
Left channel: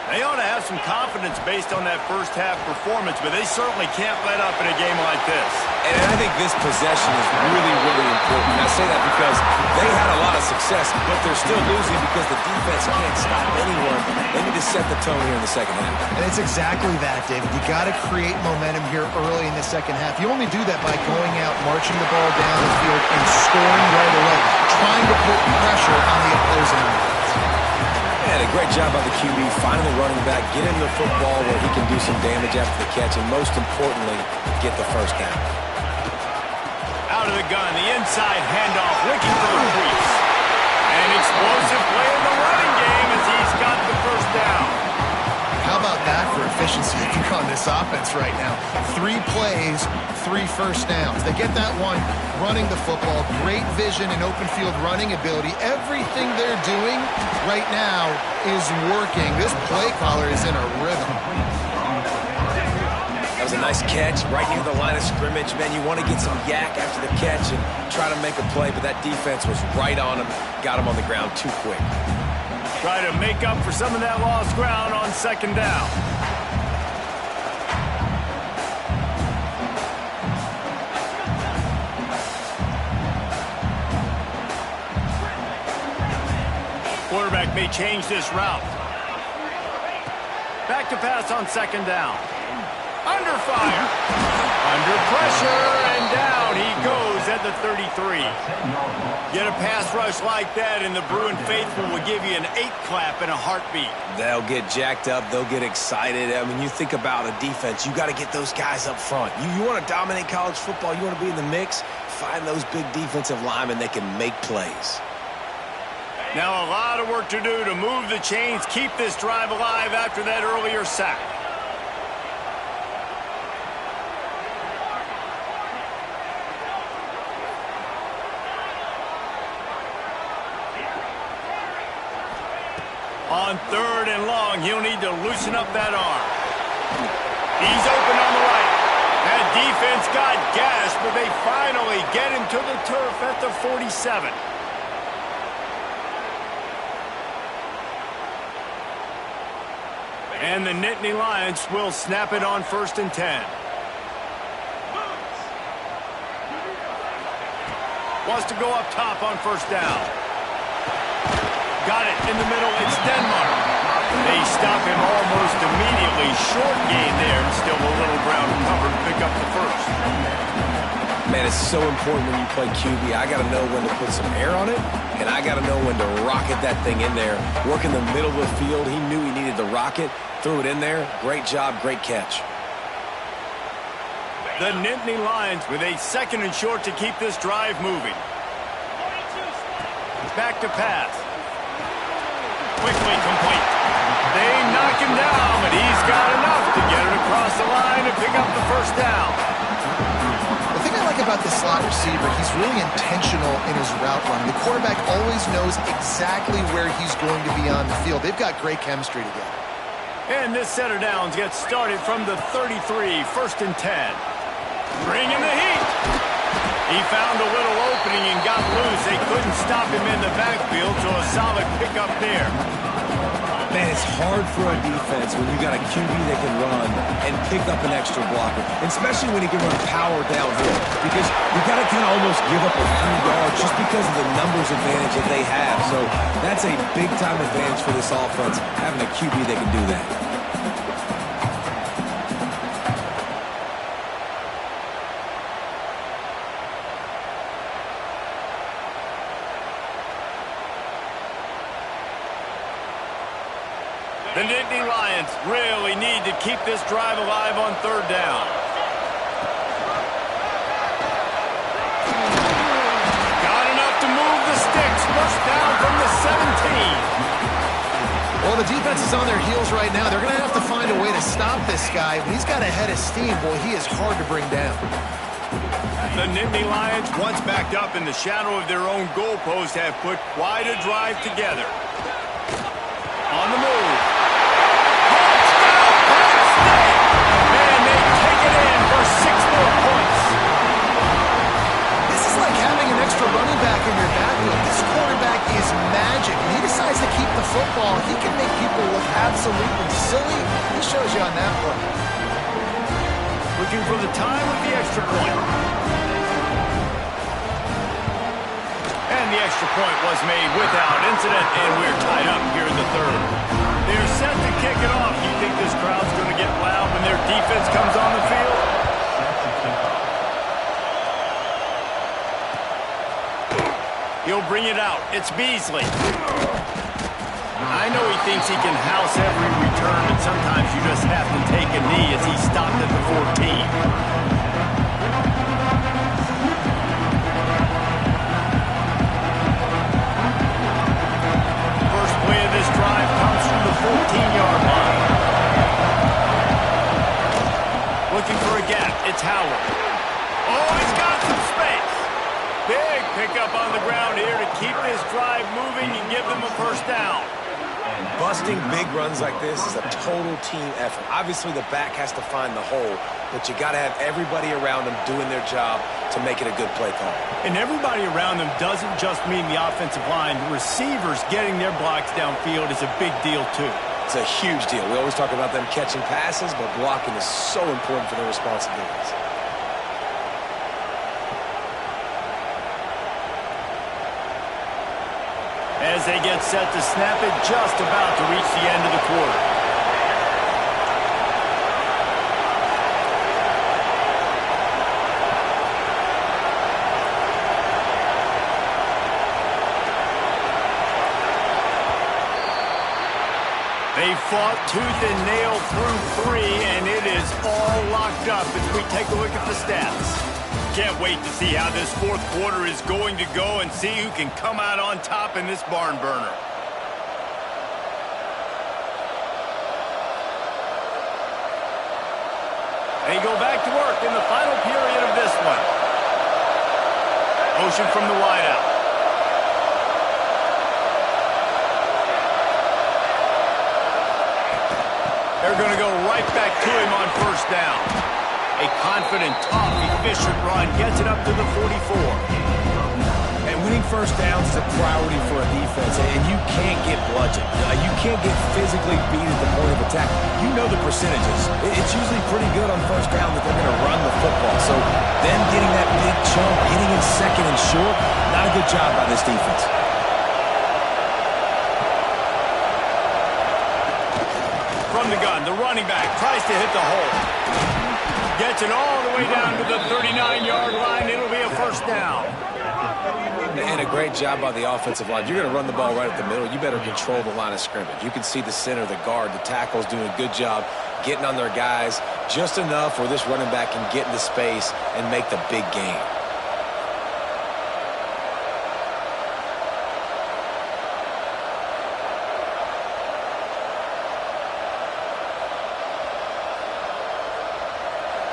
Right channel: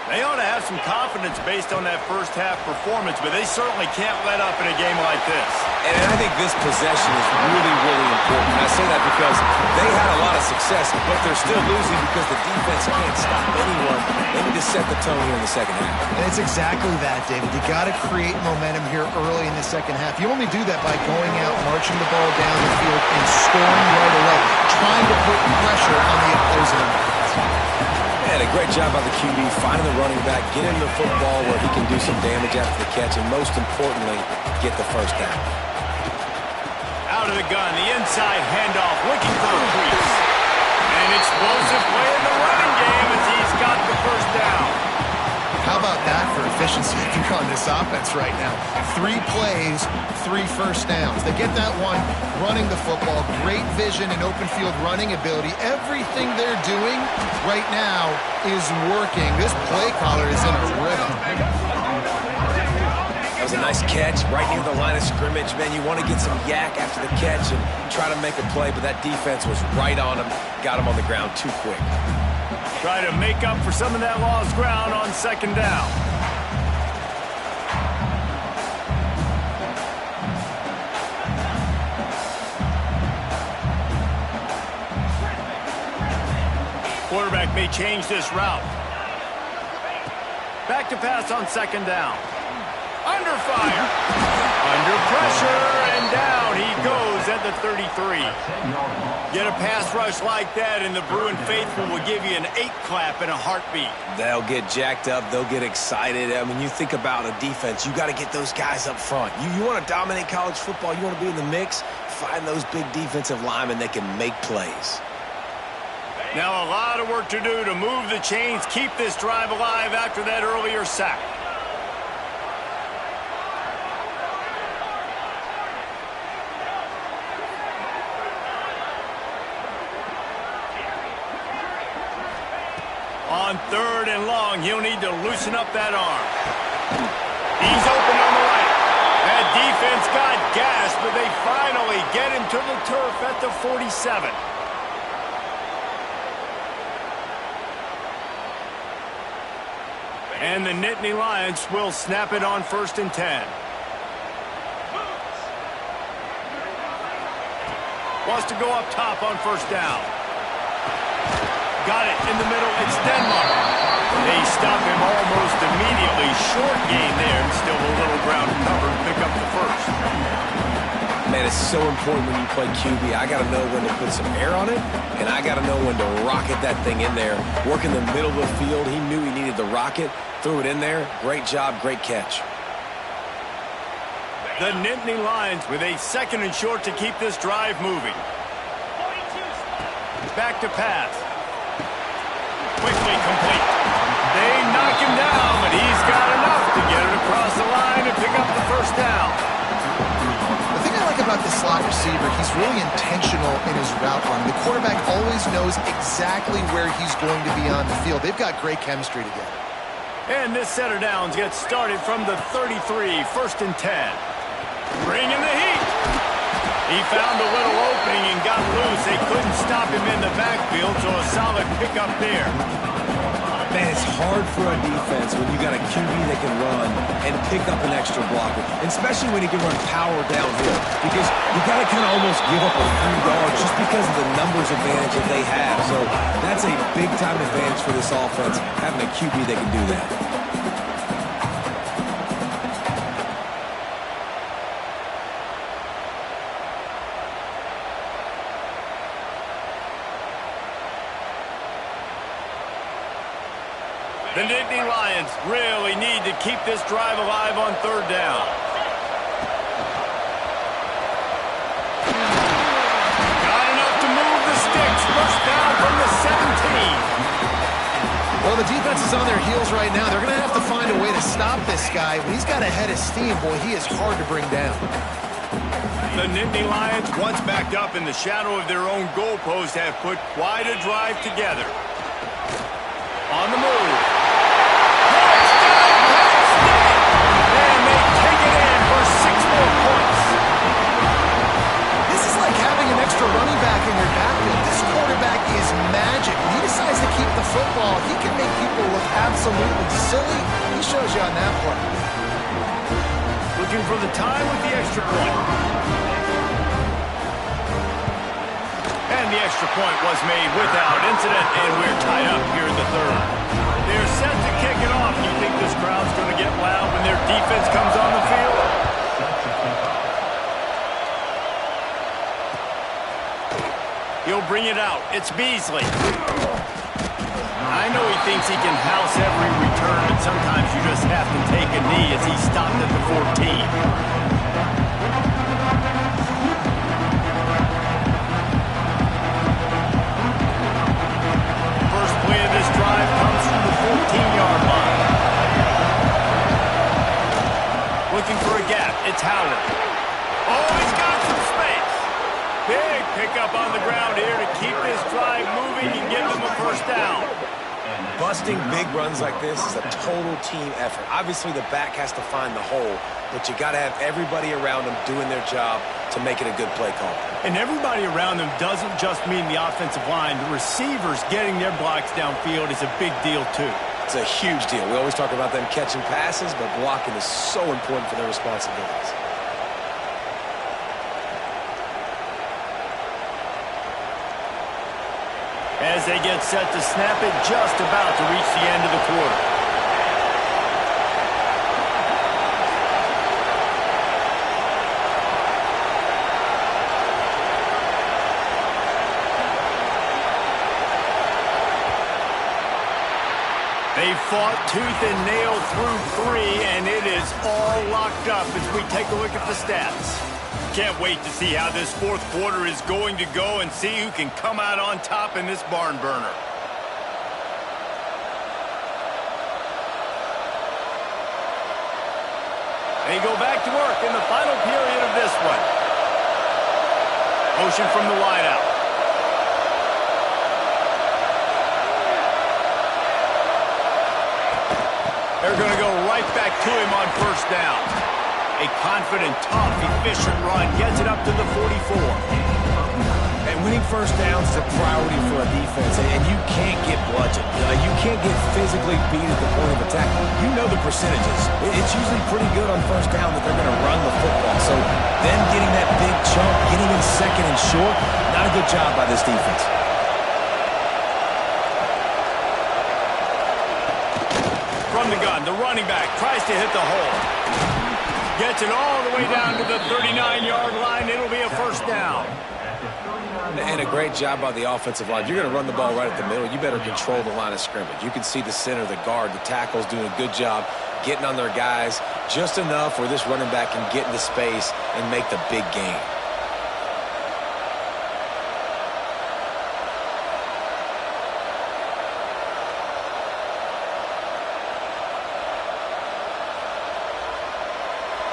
They ought to have some confidence based on that first half performance, but they certainly can't let up in a game like this. And I think this possession is really, really important. And I say that because they had a lot of success, but they're still losing because the defense can't stop anyone. They need to set the tone here in the second half. And it's exactly that, David. You got to create momentum here early in the second half. You only do that by going out, marching the ball down the field, and scoring right away, trying to put pressure on the opposing offense. And a great job by the QB, finding the running back, get him the football where he can do some damage after the catch, and most importantly, get the first down. Out of the gun, the inside handoff, looking for the crease. An explosive play in the running game as he's got the first down. How about that for efficiency here on this offense right now? 3 plays, 3 first downs. They get that one running the football, great vision and open field running ability. Everything they're doing right now is working. This play caller is in a rhythm. That was a nice catch right near the line of scrimmage. Man, you want to get some yak after the catch and try to make a play, but that defense was right on him, got him on the ground too quick. Try to make up for some of that lost ground on second down. Quarterback may change this route. Back to pass on second down. Under fire. Under pressure, and down he goes at the 33. Get a pass rush like that, and the Bruin faithful will give you an 8-clap in a heartbeat. They'll get jacked up. They'll get excited. I mean, you think about a defense. You got to get those guys up front. You want to dominate college football. You want to be in the mix. Find those big defensive linemen that can make plays. Now a lot of work to do to move the chains, keep this drive alive after that earlier sack. On third and long, he'll need to loosen up that arm. He's open on the right. That defense got gashed, but they finally get him to the turf at the 47. And the Nittany Lions will snap it on 1st and 10. Wants to go up top on first down. Got it in the middle. It's Denmark. They stop him almost immediately. Short gain there, and still a little ground covered to pick up the first. Man, it's so important when you play QB. I got to know when to put some air on it, and I got to know when to rocket that thing in there. Work in the middle of the field. He knew he needed the rocket. Threw it in there. Great job, great catch. The Nittany Lions with a 2nd and short to keep this drive moving. Back to pass. Quickly complete. They knock him down, but he's got enough to get it across the line and pick up the first down. The thing I like about this slot receiver, he's really intentional in his route running. The quarterback always knows exactly where he's going to be on the field. They've got great chemistry together. And this set of downs gets started from the 33, 1st and 10. Bring in the heat. He found a little opening and got loose. They couldn't stop him in the backfield, so a solid pickup there. Man, it's hard for a defense when you got a QB that can run and pick up an extra blocker, and especially when he can run power downhill, because you got to kind of almost give up a few yards just because of the numbers advantage that they have. So that's a big-time advantage for this offense, having a QB that can do that. The Nittany Lions really need to keep this drive alive on 3rd down. Got enough to move the sticks. First down from the 17. Well, the defense is on their heels right now. They're going to have to find a way to stop this guy. When he's got a head of steam, boy, he is hard to bring down. The Nittany Lions, once backed up in the shadow of their own goalpost, have put quite a drive together. On the move. keep the football, he can make people look absolutely silly. He shows you on that play. Looking for the tie with the extra point. And the extra point was made without incident, and we're tied up here in the third. They're set to kick it off. You think this crowd's going to get loud when their defense comes on the field? He'll bring it out. It's Beasley. I know he thinks he can house every return, but sometimes you just have to take a knee as he stopped at the 14. Play of this drive comes from the 14-yard line. Looking for a gap. It's Howard. Oh, he's got some space. Big pickup on the ground here to keep this drive moving and give them a first down. Busting big runs like this is a total team effort. Obviously, the back has to find the hole, but you got to have everybody around them doing their job to make it a good play call. And everybody around them doesn't just mean the offensive line. The receivers getting their blocks downfield is a big deal, too. It's a huge deal. We always talk about them catching passes, but blocking is so important for their responsibilities. As they get set to snap it, just about to reach the end of the quarter. They fought tooth and nail through 3, and it is all locked up as we take a look at the stats. Can't wait to see how this fourth quarter is going to go and see who can come out on top in this barn burner. They go back to work in the final period of this one. Motion from the wideout. They're going to go right back to him on first down. A confident, tough, efficient run gets it up to the 44. And winning first downs is a priority for a defense, and you can't get bludgeoned. You can't get physically beat at the point of attack. You know the percentages. It's usually pretty good on first down that they're going to run the football. So them getting that big chunk, getting in second and short, not a good job by this defense. From the gun, the running back tries to hit the hole. Gets it all the way down to the 39-yard line. It'll be a first down. And a great job by the offensive line. You're going to run the ball right at the middle. You better control the line of scrimmage. You can see the center, the guard, the tackle's doing a good job getting on their guys just enough where this running back can get into space and make the big gain.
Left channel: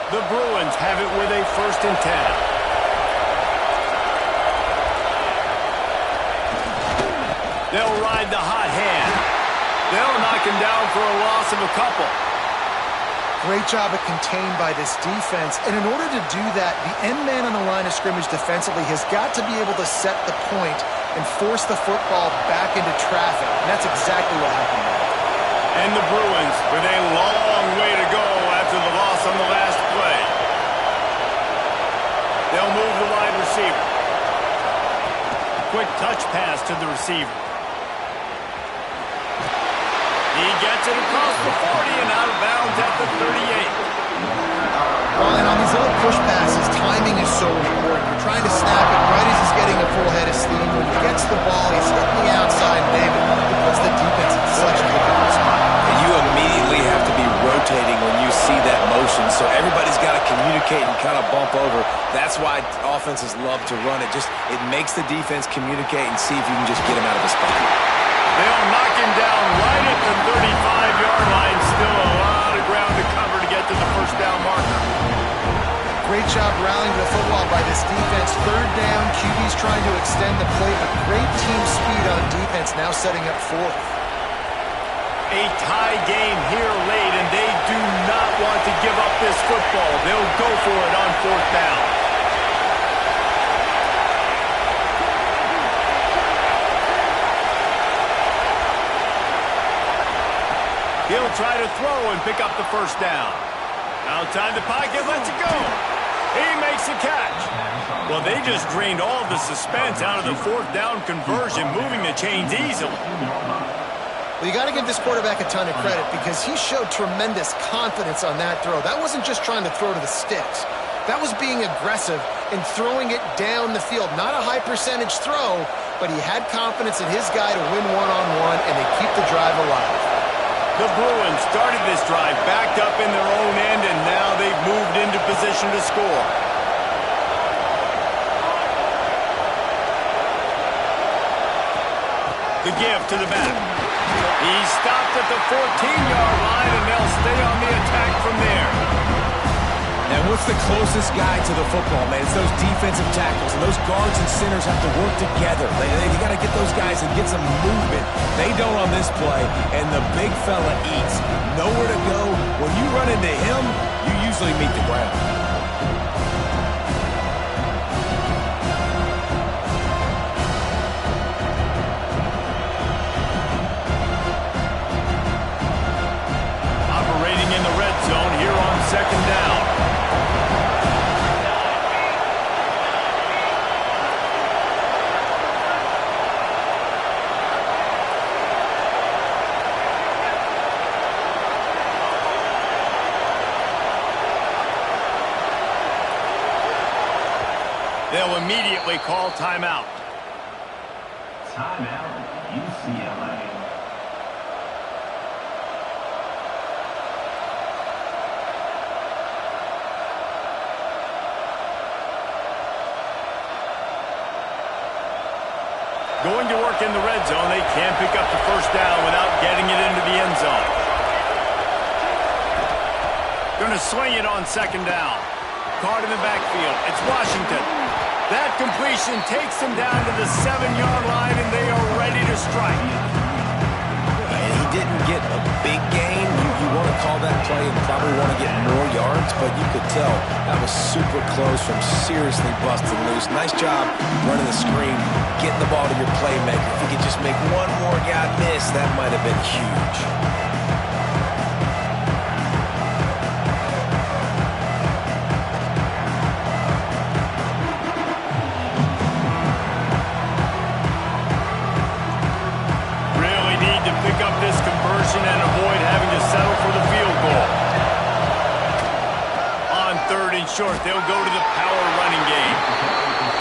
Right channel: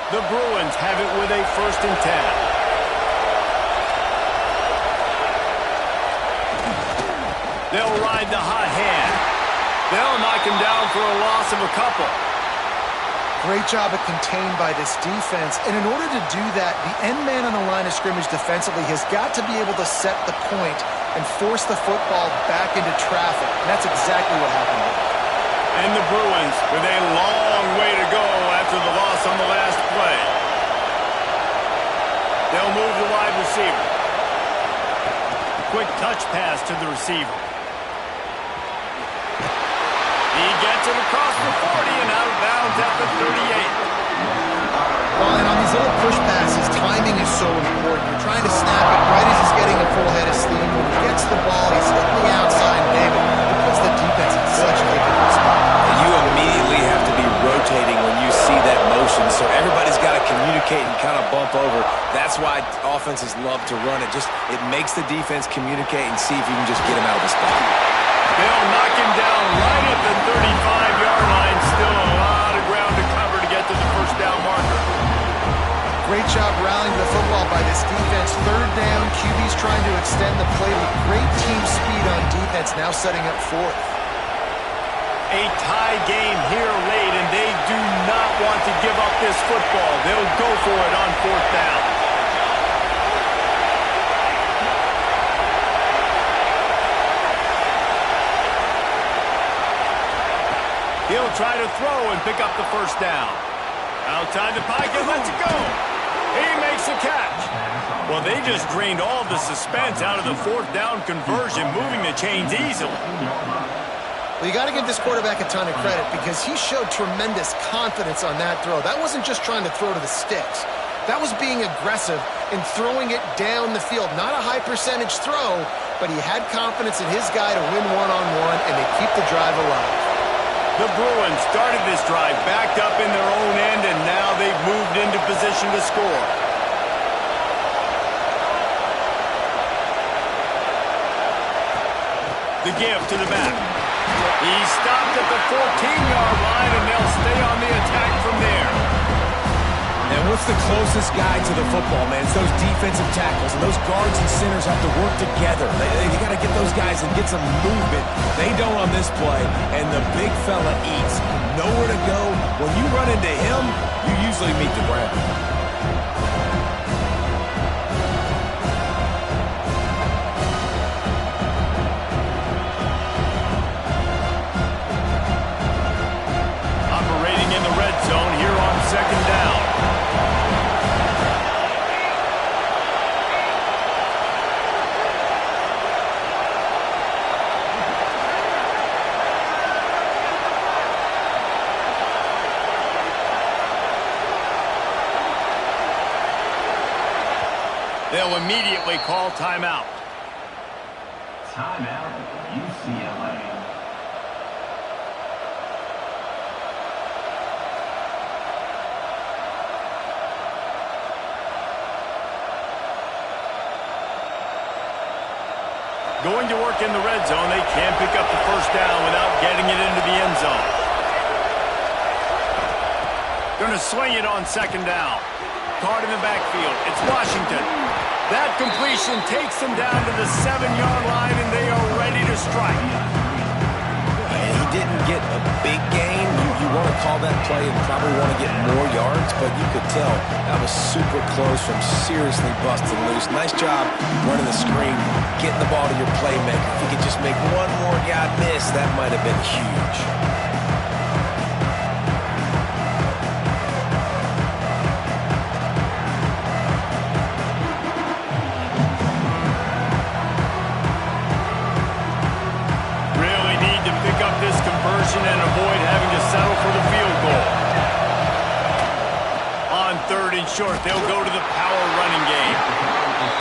The Bruins have it with a 1st and 10. They'll ride the hot hand. They'll knock him down for a loss of a couple. Great job of contained by this defense. And in order to do that, the end man on the line of scrimmage defensively has got to be able to set the point and force the football back into traffic. And that's exactly what happened there. And the Bruins with a long way to go after the loss on the last play. They'll move the wide receiver. Quick touch pass to the receiver. He gets it across the 40 and out of bounds at the 38. Well, and on these little push passes, timing is so important. You're trying to snap it right as he's getting a full head of steam. When he gets the ball, he's hitting the outside, David. It puts the defense in such a difficult spot. And you immediately have to be rotating when you see that motion, so everybody's got to communicate and kind of bump over. That's why offenses love to run it. It makes the defense communicate and see if you can just get him out of a spot. They'll knock him down right at the 35-yard line. Still a lot of ground to cover to get to the first down marker. Great job rallying to the football by this defense. 3rd down, QB's trying to extend the play, but great team speed on defense, now setting up 4th. A tie game here late, and they do not want to give up this football. They'll go for it on 4th down. He'll try to throw and pick up the first down. Outside the pocket, lets it go. He makes the catch. Well, they just drained all the suspense out of the fourth down conversion, moving the chains easily. Well, you got to give this quarterback a ton of credit because he showed tremendous confidence on that throw. That wasn't just trying to throw to the sticks. That was being aggressive and throwing it down the field. Not a high percentage throw, but he had confidence in his guy to win one-on-one, and they keep the drive alive. The Bruins started this drive backed up in their own end, and now they've moved into position to score. The give to the back. He stopped at the 14-yard line, and they'll stay on the attack from there. And what's the closest guy to the football, man? It's those defensive tackles, and those guards and centers have to work together. They got to get those guys and get some movement. They don't on this play, and the big fella eats. Nowhere to go. When you run into him, you usually meet the ground. Operating in the red zone here on second down. They'll immediately call timeout. Timeout, UCLA. Going to work in the red zone, they can't pick up the first down without getting it into the end zone. Going to swing it on second down. Caught in the backfield. It's Washington. That completion takes them down to the 7-yard line, and they are ready to strike. And he didn't get a big gain. You want to call that play and probably want to get more yards, but you could tell that was super close from seriously busting loose. Nice job running the screen, getting the ball to your playmaker. If he could just make one more guy miss, that might have been huge. This conversion and avoid having to settle for the field goal. On third and short, they'll go to the power running game.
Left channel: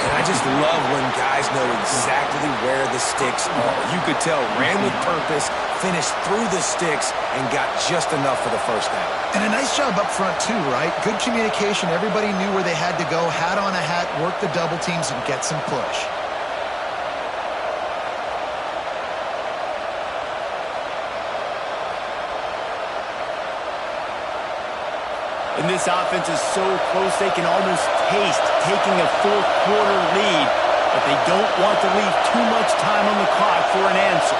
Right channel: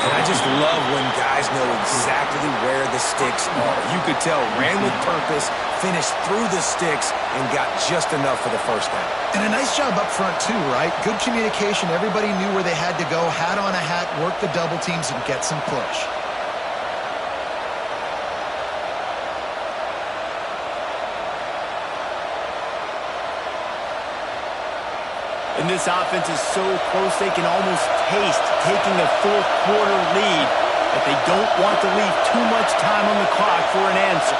And I just love when guys know exactly where the sticks are. You could tell, ran with purpose, finished through the sticks, and got just enough for the first down. And a nice job up front, too, right? Good communication. Everybody knew where they had to go, hat on a hat, work the double teams, and get some push. And this offense is so close they can almost taste taking a fourth quarter lead, but they don't want to leave too much time on the clock for an answer.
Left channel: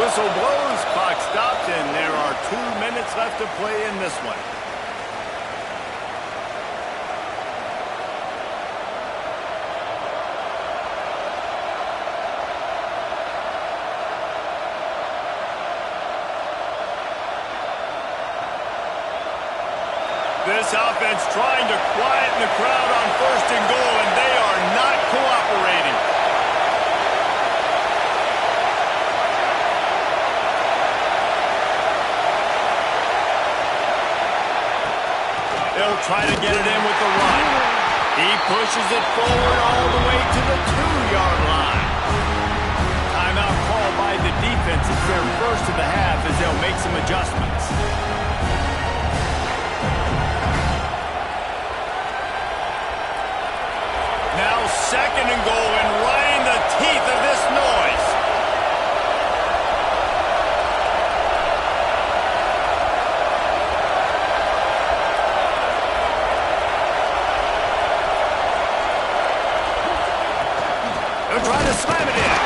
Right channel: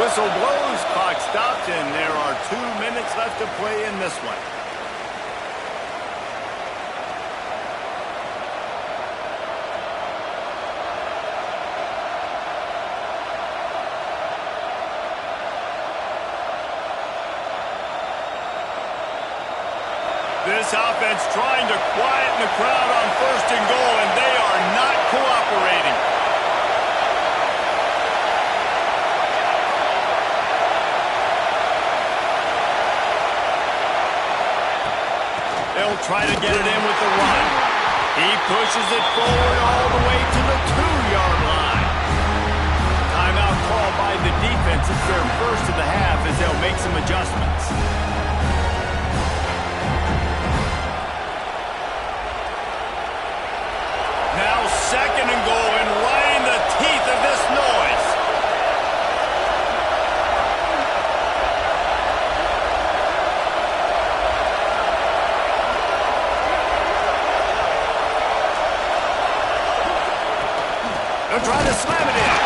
Whistle blows, clock stops, and there are 2 minutes left to play in this one. This offense trying to quieten the crowd on first and goal, and they are not cooperating. They'll try to get it in with the run. He pushes it forward all the way to the 2-yard line. Timeout called by the defense. It's their first of the half as they'll make some adjustments. Now second and goal, and right in the teeth of this noise. They'll try to slam it in.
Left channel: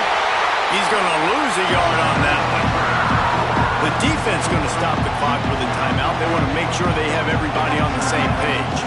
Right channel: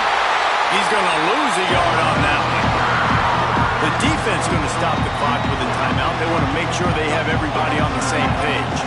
He's going to lose a yard on that one. The defense going to stop the clock with a timeout. They want to make sure they have everybody on the same page.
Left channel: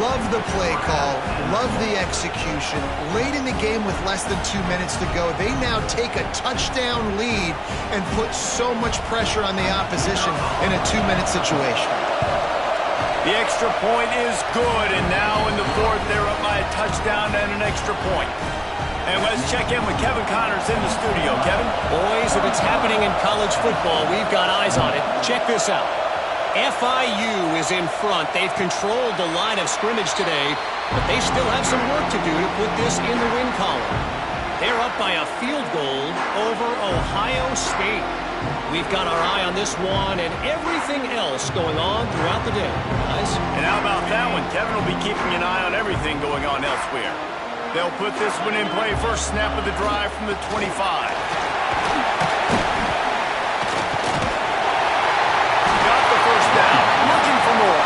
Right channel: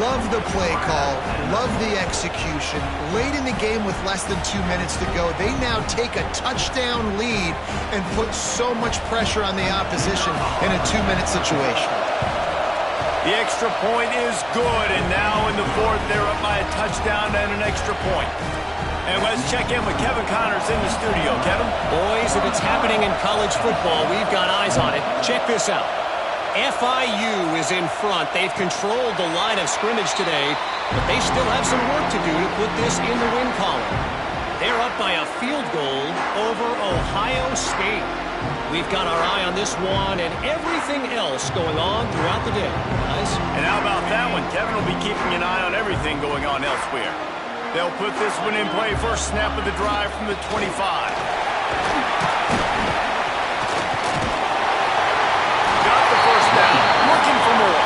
Love the play call, love the execution. Late in the game with less than 2 minutes to go, they now take a touchdown lead and put so much pressure on the opposition in a 2-minute situation. The extra point is good, and now in the fourth, they're up by a touchdown and an extra point. And let's check in with Kevin Connors in the studio. Kevin? Boys, if it's happening in college football, we've got eyes on it. Check this out. FIU is in front. They've controlled the line of scrimmage today, but they still have some work to do to put this in the win column. They're up by a field goal over Ohio State. We've got our eye on this one and everything else going on throughout the day, guys. And how about that one? Kevin will be keeping an eye on everything going on elsewhere. They'll put this one in play. First snap of the drive from the 25. Got the first down. Looking for more.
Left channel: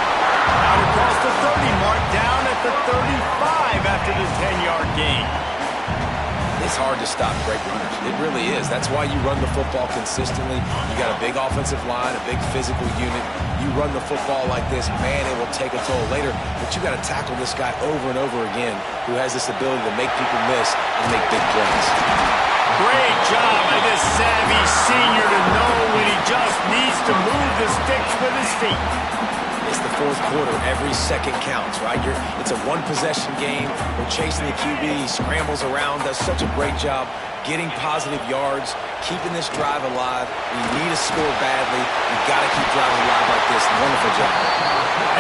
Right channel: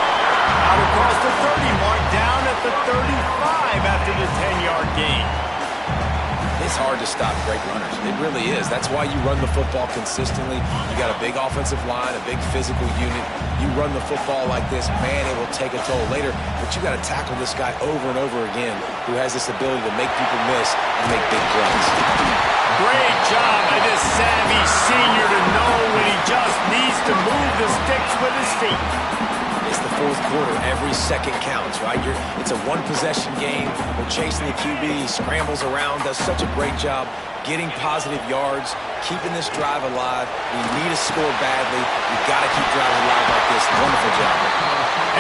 Out across the 30 mark. Down at the 35 after the 10-yard gain. It's hard to stop great runners. It really is. That's why you run the football consistently. You got a big offensive line, a big physical unit. You run the football like this, man, it will take a toll later. But you got to tackle this guy over and over again who has this ability to make people miss and make big plays. Great job by this savvy senior to know when he just needs to move the sticks with his feet. It's the fourth quarter. Every second counts, right? It's a one-possession game. We're chasing the QB. He scrambles around, does such a great job getting positive yards, keeping this drive alive. We need a score badly. We got to keep drives alive like this. Wonderful job.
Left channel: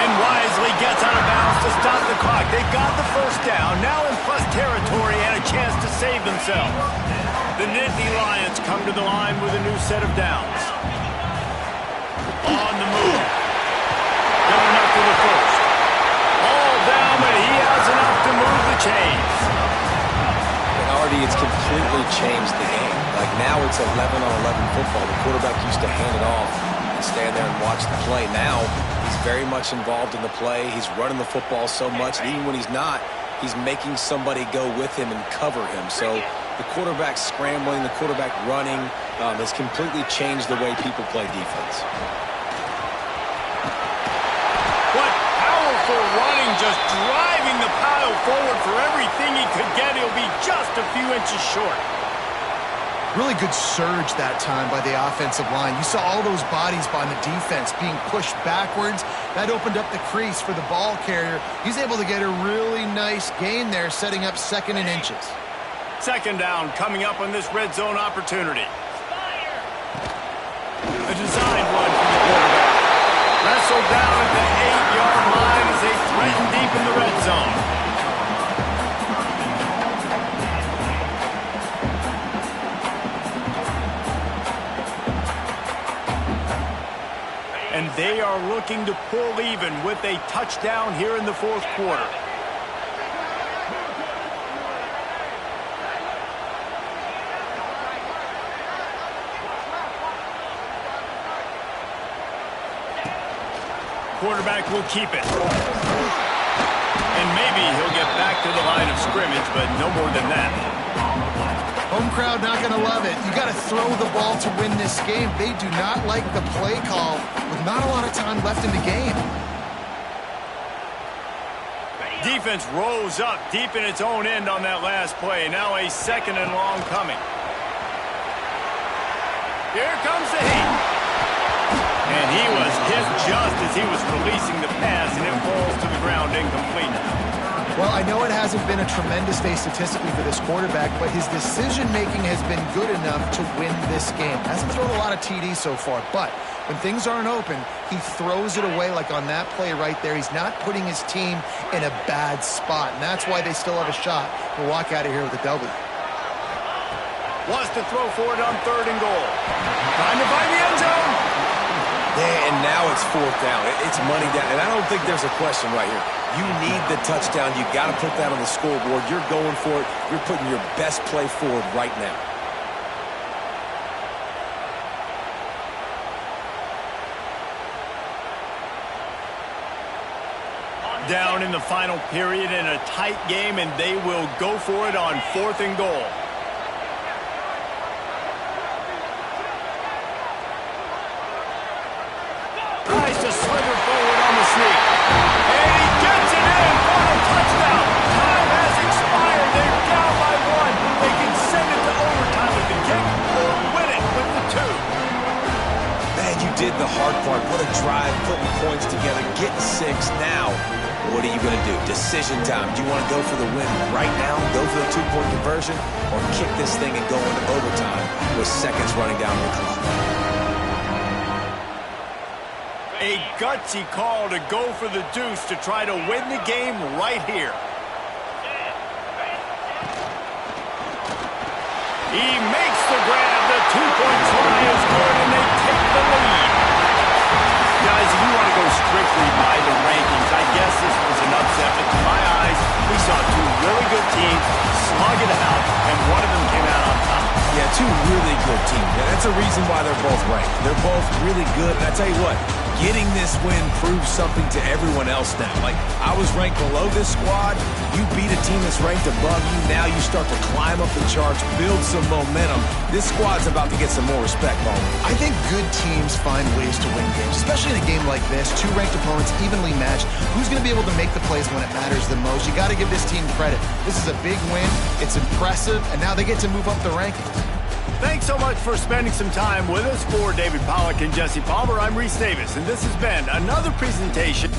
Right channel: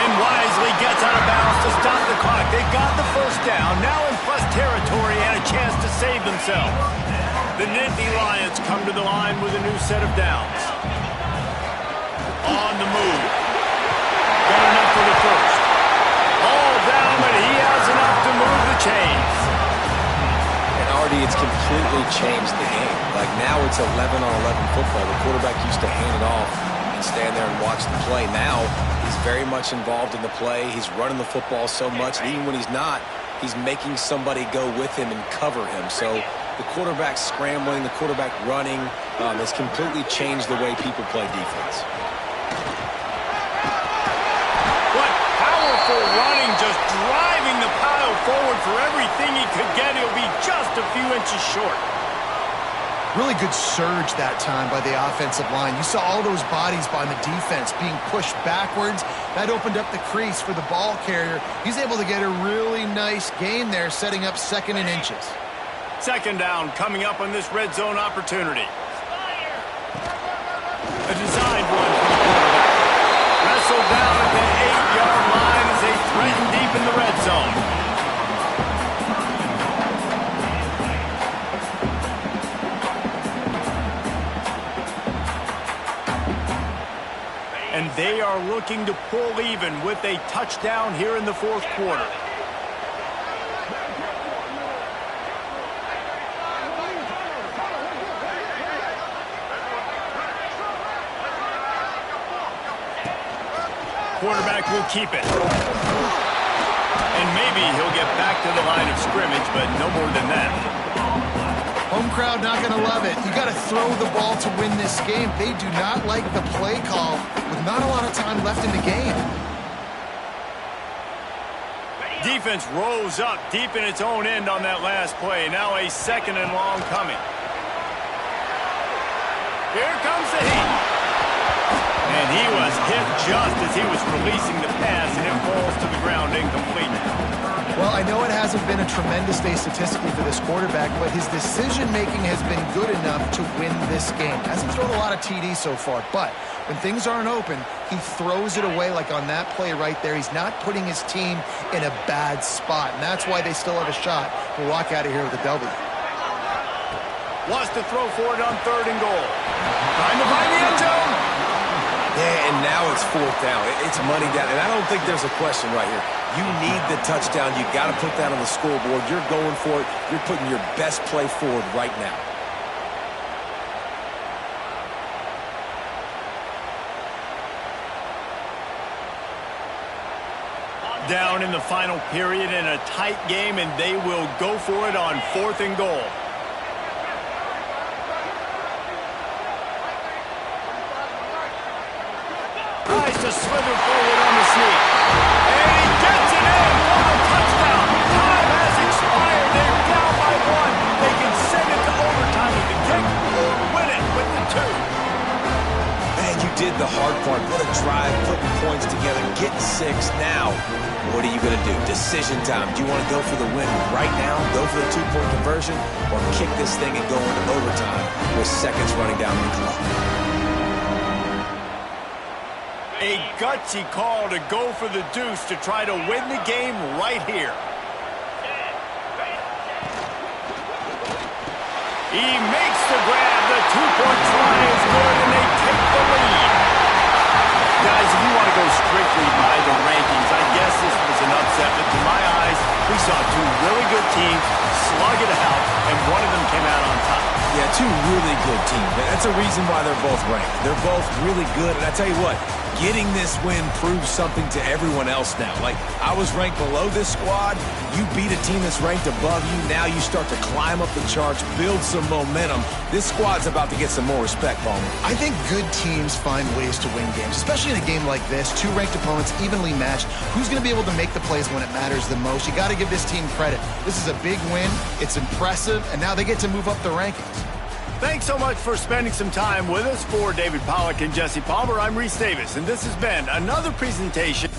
And wisely gets out of bounds to stop the clock. They've got the first down, now in plus territory and a chance to save themselves. The Nittany Lions come to the line with a new set of downs. On the move. Got enough for the first. All down, but he has enough to move the chains. And already it's completely changed the game. Like now it's 11-on-11 football. The quarterback used to hand it off and stand there and watch the play. Now he's very much involved in the play. He's running the football so much. And even when he's not, he's making somebody go with him and cover him. So the quarterback scrambling, the quarterback running has completely changed the way people play defense. What powerful running, just driving the pile forward for everything he could get. He'll be just a few inches short. Really good surge that time by the offensive line. You saw all those bodies by the defense being pushed backwards. That opened up the crease for the ball carrier. He's able to get a really nice gain there, setting up 2nd and inches. Second down coming up on this red zone opportunity. A designed run for the quarterback. Wrestled down at the 8-yard line as they threaten deep in the red zone. And they are looking to pull even with a touchdown here in the fourth quarter. Quarterback will keep it. And maybe he'll get back to the line of scrimmage, but no more than that. Home crowd not going to love it. You got to throw the ball to win this game. They do not like the play call with not a lot of time left in the game. Defense rose up deep in its own end on that last play. Now a 2nd and long coming. Here comes the heat. And he was hit just as he was releasing the pass, and it falls to the ground incomplete. Well, I know it hasn't been a tremendous day statistically for this quarterback, but his decision-making has been good enough to win this game. Hasn't thrown a lot of TDs so far, but when things aren't open, he throws it away like on that play right there. He's not putting his team in a bad spot, and that's why they still have a shot to walk out of here with a W. Wants to throw for it on 3rd and goal. Trying to find the end zone. Yeah, and now it's 4th down. It's money down. And I don't think there's a question right here. You need the touchdown. You got to put that on the scoreboard. You're going for it. You're putting your best play forward right now. Down in the final period in a tight game, and they will go for it on 4th and goal. Tries to slither forward on the sneak. And he gets it in Man, you did the hard part. What a drive, putting points together, getting 6. Now, what are you going to do? Decision time. Do you want to go for the win right now, go for the 2-point conversion, or kick this thing and go into overtime with seconds running down the clock? A gutsy call to go for the deuce to try to win the game right here. He makes the grab. The 2-point try is good, and they take the lead. Guys, if you want to go strictly by the rankings, I guess this was an upset, but to my eyes, we saw two really good teams slug it out, and one of them came out on top. Yeah, two really good teams. And that's a reason why they're both ranked. They're both really good, and I tell you what, getting this win proves something to everyone else now. Like, I was ranked below this squad. You beat a team that's ranked above you. Now you start to climb up the charts, build some momentum. This squad's about to get some more respect, Bowman. I think good teams find ways to win games, especially in a game like this. Two ranked opponents, evenly matched. Who's going to be able to make the plays when it matters the most? You got to give this team credit. This is a big win. It's impressive, and now they get to move up the rankings. Thanks so much for spending some time with us. For David Pollack and Jesse Palmer, I'm Reese Davis, and this has been another presentation